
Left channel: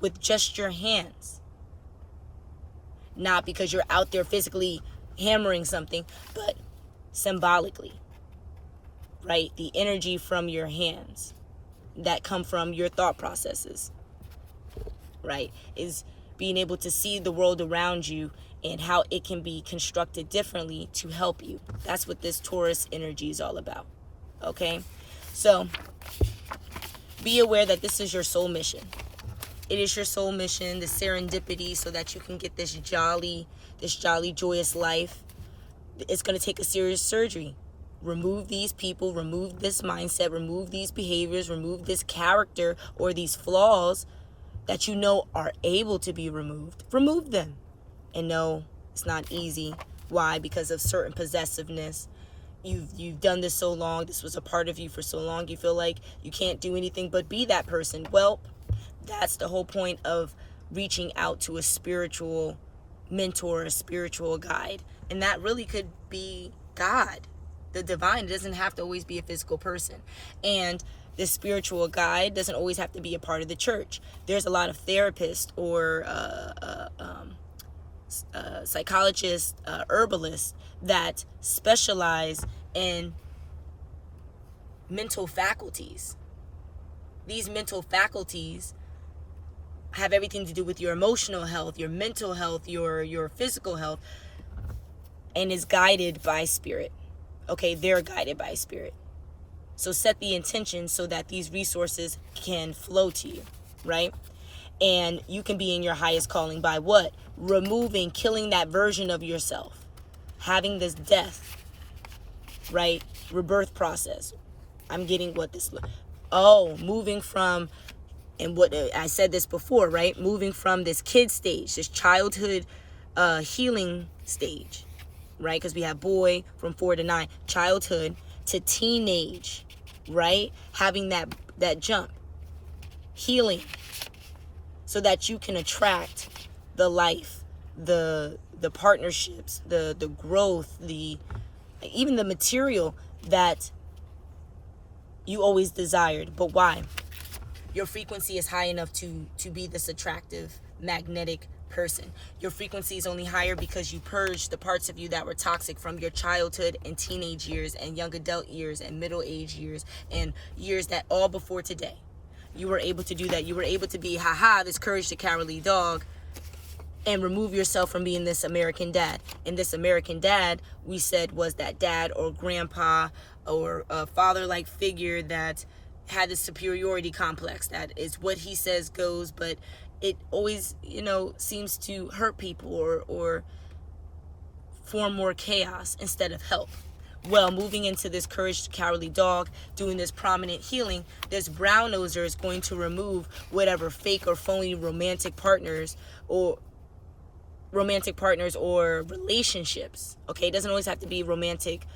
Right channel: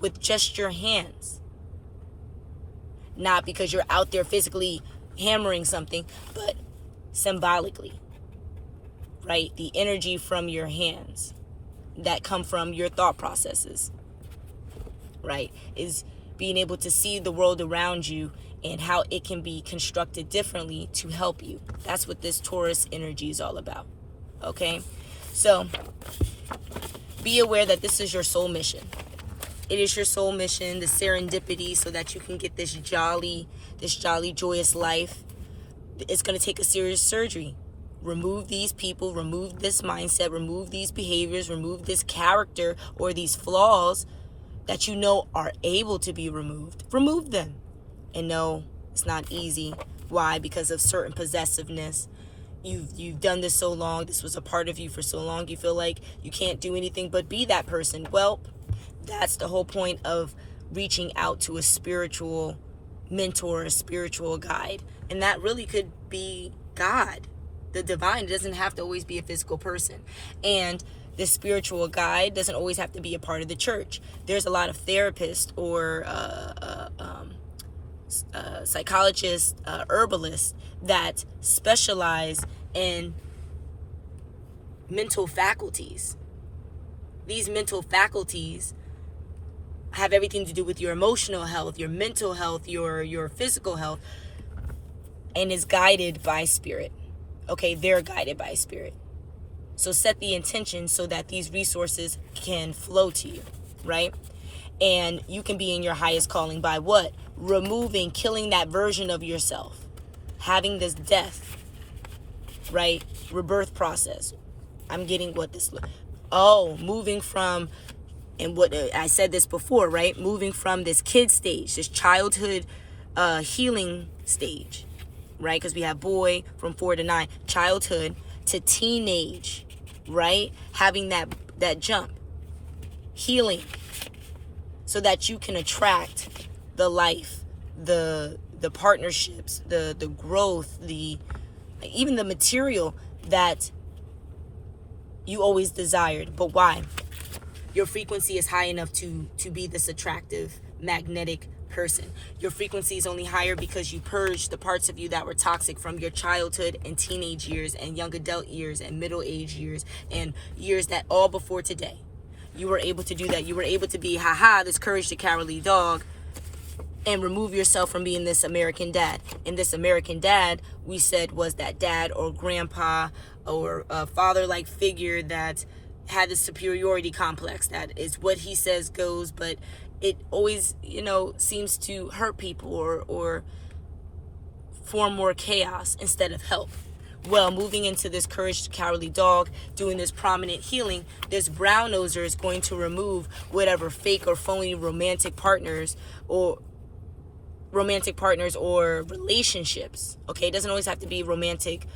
with just your hands. Not because you're out there physically hammering something, but symbolically, right? The energy from your hands that come from your thought processes, right, is being able to see the world around you and how it can be constructed differently to help you. That's what this Taurus energy is all about, okay? So be aware that this is your soul mission. It is your soul mission, the serendipity, so that you can get this jolly, joyous life. It's going to take a serious surgery. Remove these people, remove this mindset, remove these behaviors, remove this character or these flaws that you know are able to be removed. Remove them. And no, it's not easy. Why? Because of certain possessiveness. You've done this so long. This was a part of you for so long. You feel like you can't do anything but be that person. Well, that's the whole point of reaching out to a spiritual mentor, a spiritual guide. And that really could be God, the divine. It doesn't have to always be a physical person. And the spiritual guide doesn't always have to be a part of the church. There's a lot of therapists or psychologists, herbalists that specialize in mental faculties. These mental faculties have everything to do with your emotional health, your mental health, your physical health, and is guided by spirit. Okay, they're guided by spirit. So set the intention so that these resources can flow to you, right? And you can be in your highest calling by what? Removing, killing that version of yourself. Having this death, right? Rebirth process. I'm getting what this... moving from... And what I said this before, right? Moving from this kid stage, this childhood healing stage, right? Because we have boy from 4 to 9, childhood to teenage, right? Having that jump, healing, so that you can attract the life, the partnerships, the growth, even the material that you always desired. But why? Your frequency is high enough to be this attractive, magnetic person. Your frequency is only higher because you purged the parts of you that were toxic from your childhood and teenage years and young adult years and middle age years and years that all before today. You were able to do that. You were able to be, this courage the cowardly dog, and remove yourself from being this American dad. And this American dad, we said, was that dad or grandpa or a father-like figure that had a superiority complex. That is what he says goes, but it always, seems to hurt people or form more chaos instead of help. Well, moving into this courage the cowardly dog, doing this prominent healing, this brown noser is going to remove whatever fake or phony romantic partners or relationships. Okay, it doesn't always have to be romantic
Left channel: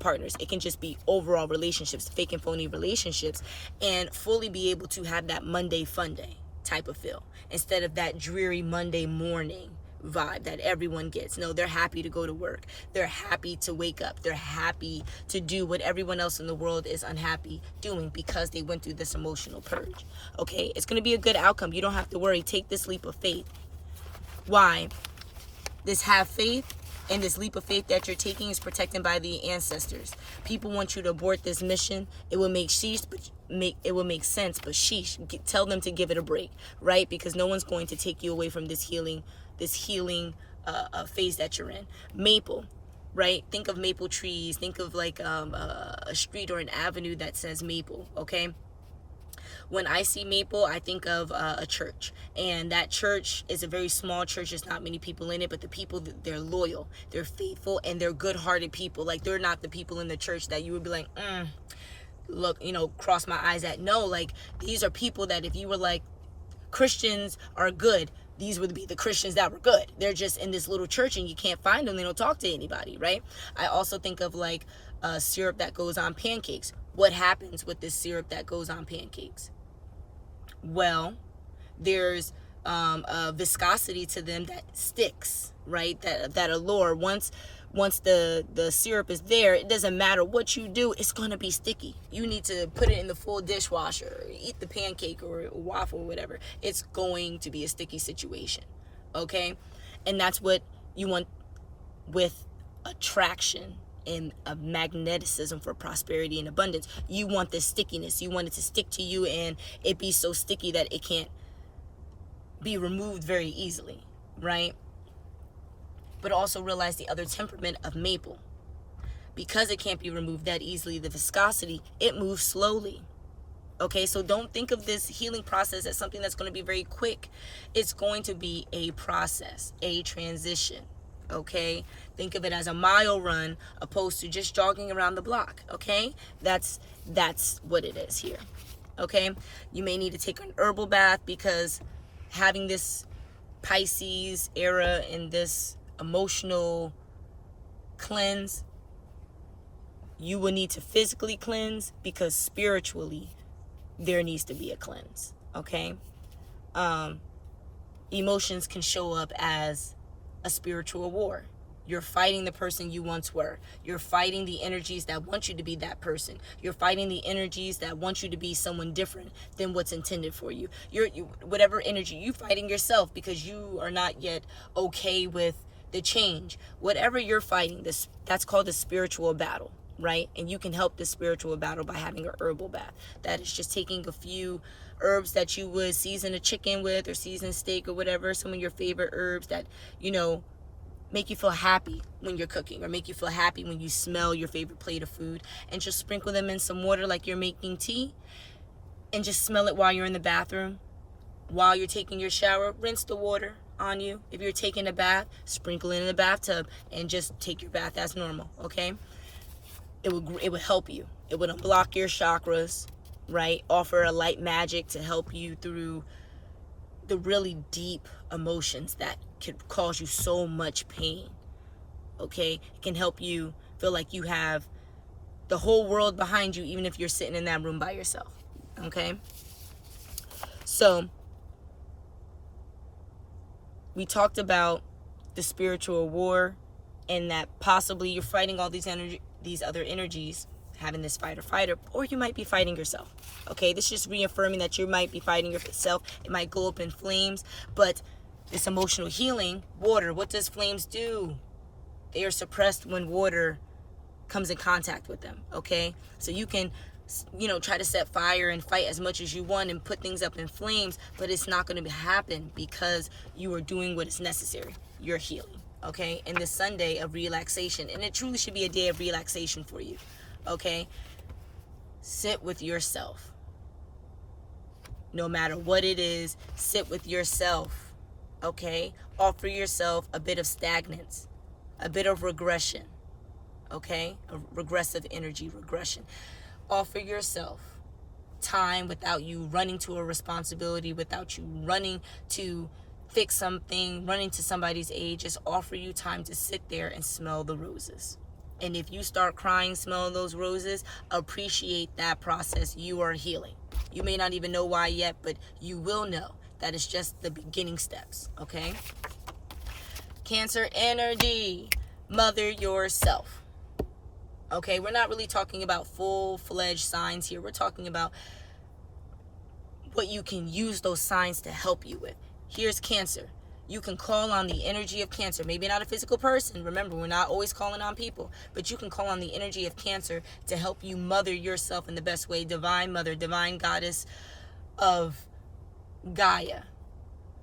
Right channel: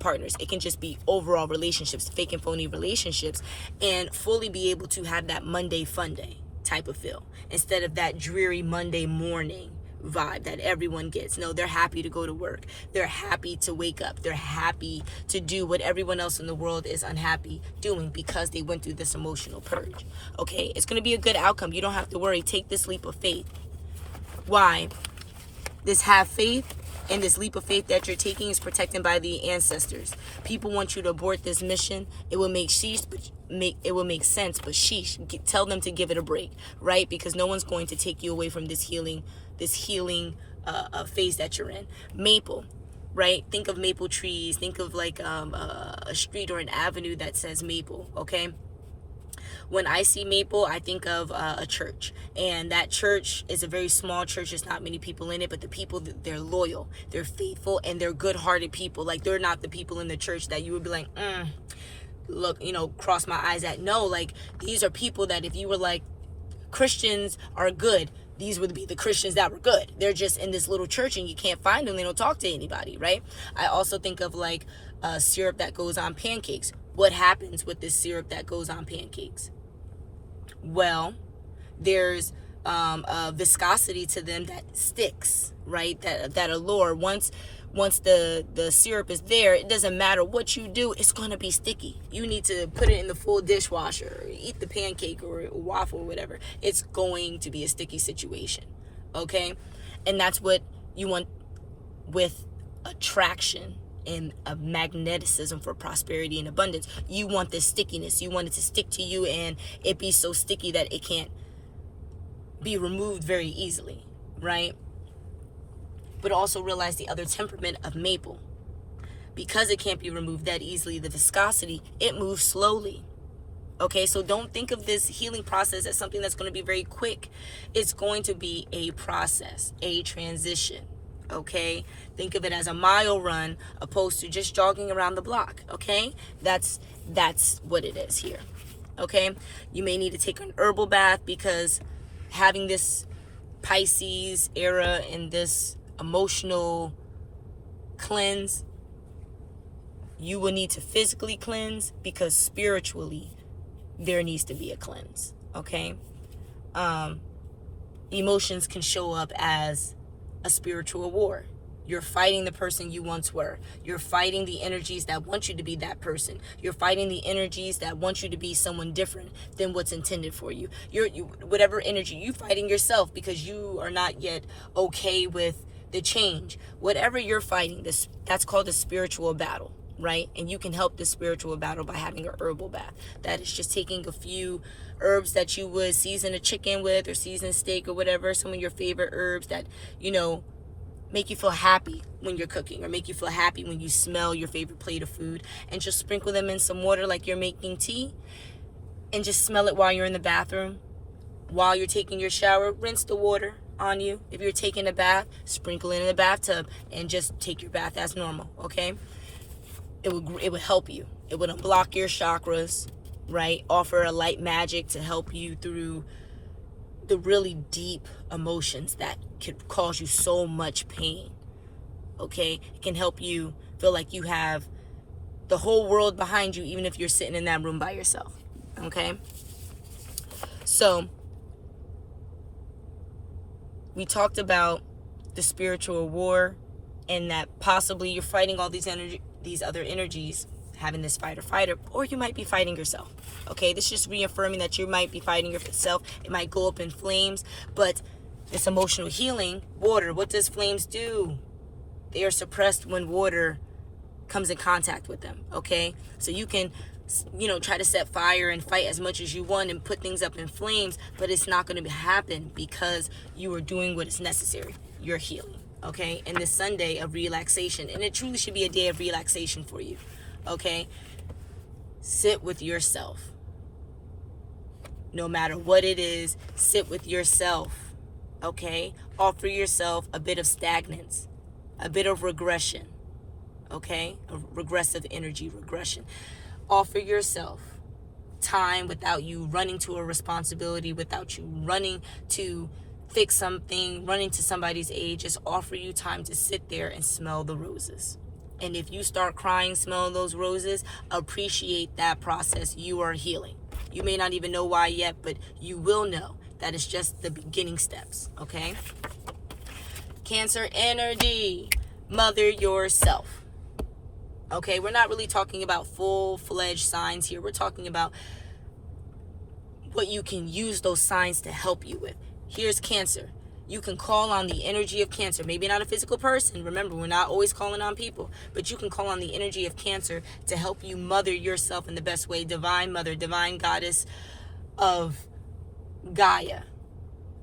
partners. It can just be overall relationships, fake and phony relationships, and fully be able to have that Monday fun day type of feel instead of that dreary Monday morning vibe that everyone gets. No, they're happy to go to work. They're happy to wake up. They're happy to do what everyone else in the world is unhappy doing because they went through this emotional purge. Okay, it's going to be a good outcome. You don't have to worry. Take this leap of faith. Why? This have faith and this leap of faith that you're taking is protected by the ancestors. People want you to abort this mission. It will make sheesh, but it will make sense, but sheesh, tell them to give it a break, right? Because no one's going to take you away from this healing phase that you're in. Maple, right? Think of maple trees. Think of like a street or an avenue that says maple, okay? When I see maple, I think of a church, and that church is a very small church. There's not many people in it, but the people, they're loyal, they're faithful, and they're good-hearted people. Like, they're not the people in the church that you would be like, look, cross my eyes at. No, like, these are people that if you were like, Christians are good, these would be the Christians that were good. They're just in this little church and you can't find them. They don't talk to anybody, right? I also think of like syrup that goes on pancakes. What happens with this syrup that goes on pancakes? Well, there's a viscosity to them that sticks, right? That allure. Once the syrup is there, it doesn't matter what you do, it's going to be sticky. You need to put it in the full dishwasher, or eat the pancake or a waffle or whatever. It's going to be a sticky situation, okay? And that's what you want with attraction and a magneticism for prosperity and abundance. You want this stickiness. You want it to stick to you and it be so sticky that it can't be removed very easily, right? But also realize the other temperament of maple. Because it can't be removed that easily, the viscosity, it moves slowly. Okay, so don't think of this healing process as something that's going to be very quick. It's going to be a process, a transition. Okay, think of it as a mile run opposed to just jogging around the block. Okay, that's what it is here. Okay, you may need to take an herbal bath because having this Pisces era and this emotional cleanse, you will need to physically cleanse because spiritually there needs to be a cleanse. Okay, emotions can show up as a spiritual war. You're fighting the person you once were. You're fighting the energies that want you to be that person. You're fighting the energies that want you to be someone different than what's intended for you. Whatever energy, you fighting yourself because you are not yet okay with the change. Whatever you're fighting, that's called a spiritual battle, right? And you can help the spiritual battle by having an herbal bath. That is just taking a few herbs that you would season a chicken with or season steak or whatever, some of your favorite herbs that, make you feel happy when you're cooking or make you feel happy when you smell your favorite plate of food, and just sprinkle them in some water like you're making tea and just smell it while you're in the bathroom. While you're taking your shower, rinse the water on you. If you're taking a bath, sprinkle it in the bathtub and just take your bath as normal, okay? It would help you. It would unblock your chakras, right? Offer a light magic to help you through the really deep emotions that could cause you so much pain, okay? It can help you feel like you have the whole world behind you, even if you're sitting in that room by yourself, okay? So, we talked about the spiritual war and that possibly you're fighting all these other energies, having this fight or fighter, or you might be fighting yourself. Okay, this is just reaffirming that you might be fighting yourself. It might go up in flames, but this emotional healing, water, what does flames do? They are suppressed when water comes in contact with them, okay? So you can, try to set fire and fight as much as you want and put things up in flames, but it's not going to happen because you are doing what is necessary. You're healing, okay? And this Sunday of relaxation, and it truly should be a day of relaxation for you, okay? Sit with yourself. No matter what it is, sit with yourself, okay? Offer yourself a bit of stagnance, a bit of regression, okay? A regressive energy regression. Offer yourself time without you running to a responsibility, without you running to fix something, running to somebody's aid. Just offer you time to sit there and smell the roses. And if you start crying, smelling those roses, appreciate that process. You are healing. You may not even know why yet, but you will know that it's just the beginning steps, okay? Cancer energy, mother yourself. Okay, we're not really talking about full-fledged signs here. We're talking about what you can use those signs to help you with. Here's Cancer. You can call on the energy of Cancer. Maybe not a physical person. Remember, we're not always calling on people. But you can call on the energy of Cancer to help you mother yourself in the best way. Divine Mother, Divine Goddess of Gaia.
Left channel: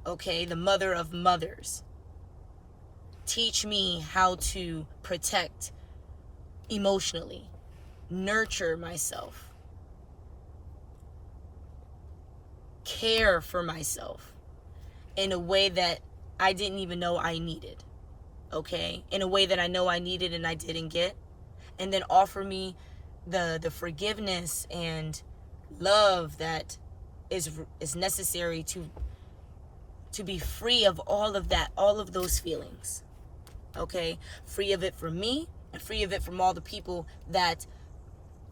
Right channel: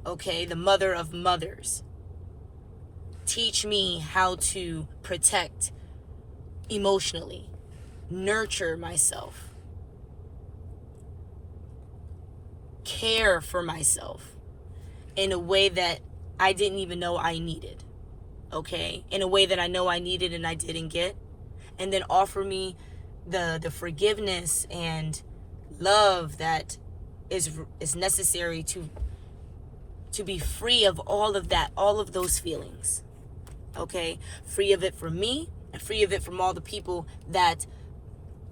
Okay, the Mother of Mothers. Teach me how to protect emotionally. Nurture myself. Care for myself in a way that I didn't even know I needed, okay? In a way that I know I needed and I didn't get. And then offer me the forgiveness and love that is necessary to be free of all of that, all of those feelings, okay? Free of it from me and free of it from all the people that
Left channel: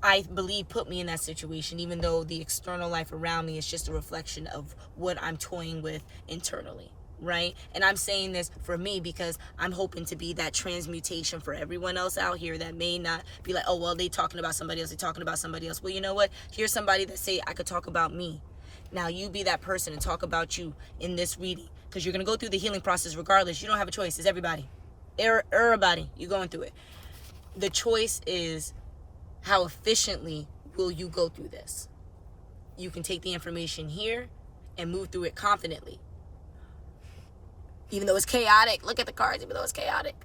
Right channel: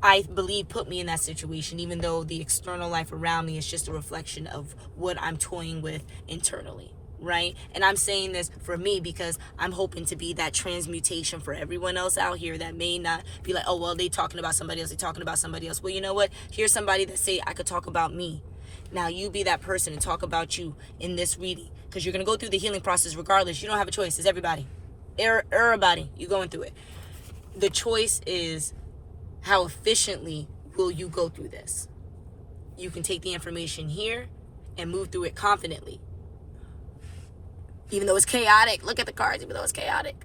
I believe put me in that situation, even though the external life around me is just a reflection of what I'm toying with internally, right? And I'm saying this for me because I'm hoping to be that transmutation for everyone else out here that may not be like, oh, well, they talking about somebody else, they talking about somebody else. Well, you know what? Here's somebody that say I could talk about me. Now you be that person and talk about you in this reading, because you're going to go through the healing process regardless. You don't have a choice. It's everybody. Everybody. You're going through it. The choice is how efficiently will you go through this? You can take the information here and move through it confidently. Even though it's chaotic, look at the cards, even though it's chaotic.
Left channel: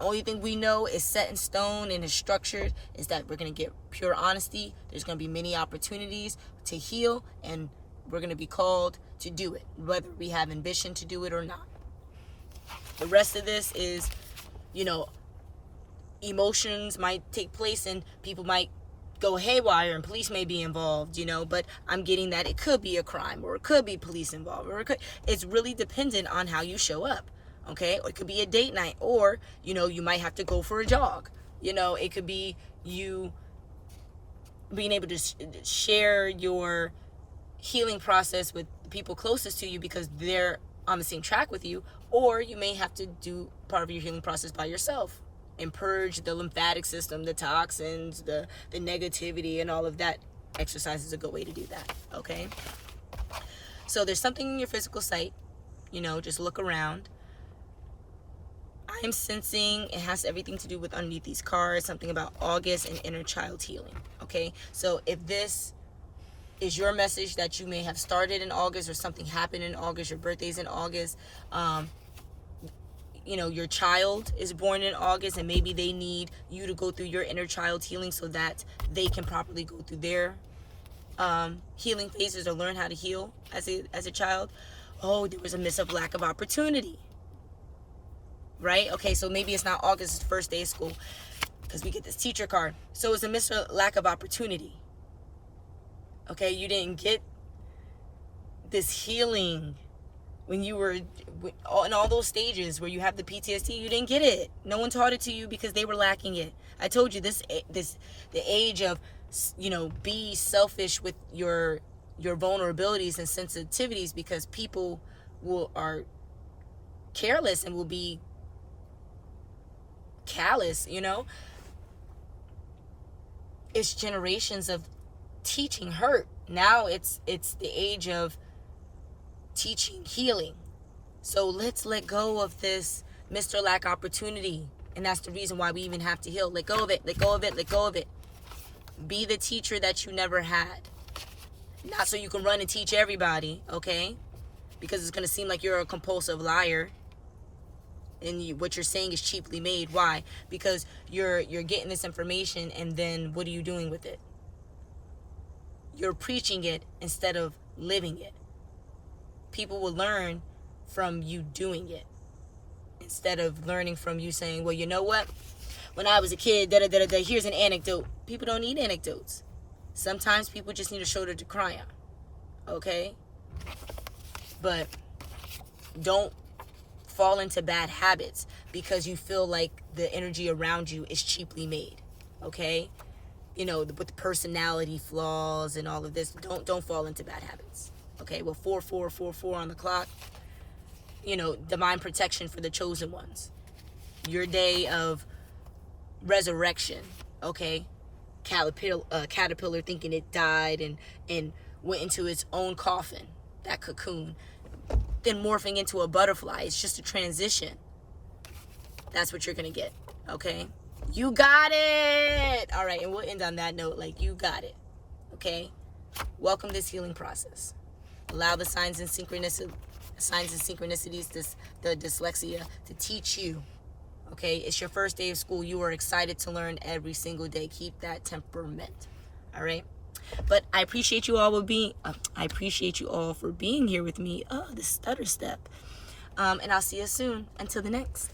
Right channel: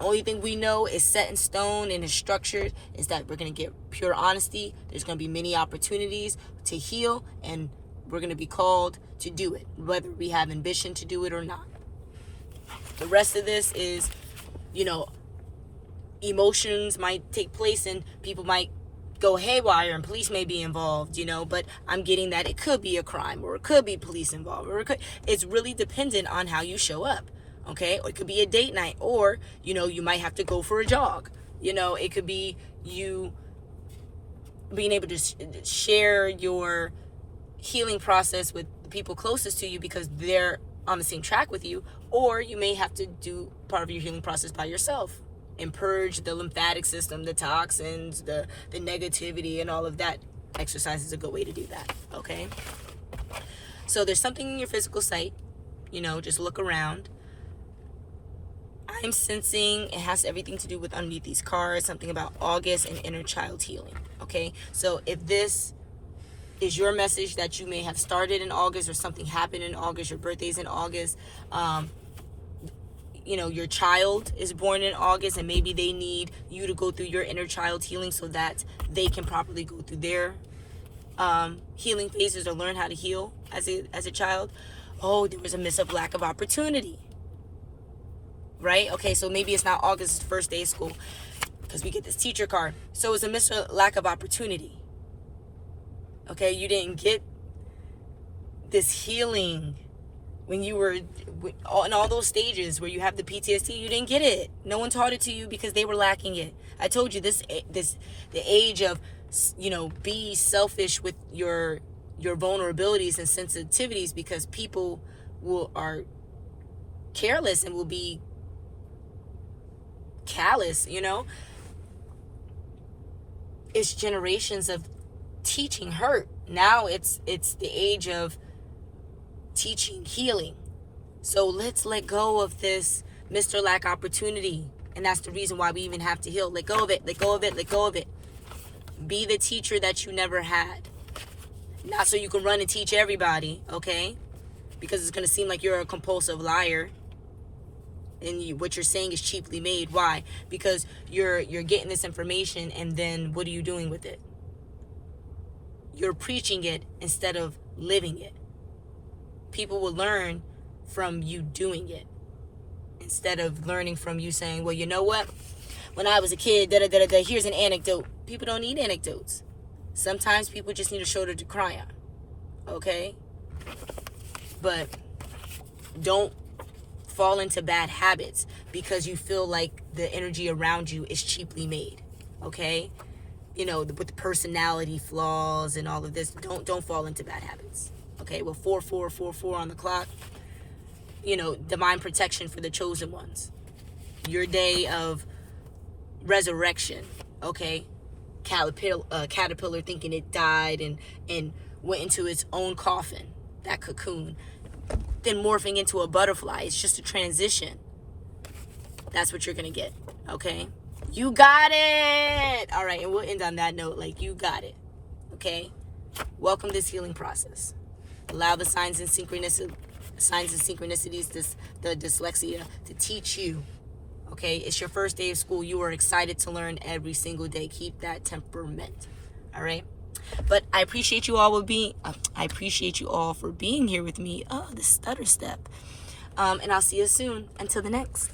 Only thing we know is set in stone and is structured is that we're going to get pure honesty. There's going to be many opportunities to heal, and we're going to be called to do it, whether we have ambition to do it or not. The rest of this is, emotions might take place and people might go haywire and police may be involved, but I'm getting that it could be a crime or it could be police involved, or it's really dependent on how you show up, okay? Or it could be a date night, or, you might have to go for a jog. It could be you being able to share your healing process with the people closest to you because they're on the same track with you, or you may have to do part of your healing process by yourself and purge the lymphatic system, the toxins, the negativity, and all of that. Exercise is a good way to do that, okay? So there's something in your physical sight, just look around. I'm sensing it has everything to do with underneath these cards, something about August and inner child healing, okay? So if this is your message that you may have started in August or something happened in August, your birthday's in August, your child is born in August and maybe they need you to go through your inner child healing so that they can properly go through their healing phases or learn how to heal as a child. Oh, there was a lack of opportunity, right? Okay, so maybe it's not August's first day of school because we get this teacher card. So it's a lack of opportunity. Okay, you didn't get this healing when you were in all those stages where you have the PTSD. You didn't get it. No one taught it to you because they were lacking it. I told you the age of, be selfish with your vulnerabilities and sensitivities, because people are careless and will be callous. It's generations of teaching hurt. Now it's the age of teaching healing. So let's let go of this Mr. Lack opportunity. And that's the reason why we even have to heal. Let go of it, let go of it, let go of it. Be the teacher that you never had. Not so you can run and teach everybody, okay? Because it's going to seem like you're a compulsive liar. And what you're saying is cheaply made. Why? Because you're getting this information, and then what are you doing with it? You're preaching it instead of living it. People will learn from you doing it instead of learning from you saying, well, you know what? When I was a kid, here's an anecdote. People don't need anecdotes. Sometimes people just need a shoulder to cry on, okay? But don't fall into bad habits because you feel like the energy around you is cheaply made, okay? With the personality flaws and all of this, don't fall into bad habits. Okay, well, 4 on the clock. divine protection for the chosen ones. Your day of resurrection, okay? Caterpillar thinking it died and went into its own coffin, that cocoon, then morphing into a butterfly. It's just a transition. That's what you're gonna get, okay? You got it. All right, and we'll end on that note, like, you got it, okay? Welcome this healing process. Allow the signs and synchronicities, the dyslexia, to teach you. Okay, it's your first day of school. You are excited to learn every single day. Keep that temperament. All right. But I appreciate you all for being here with me. Oh, the stutter step. And I'll see you soon. Until the next.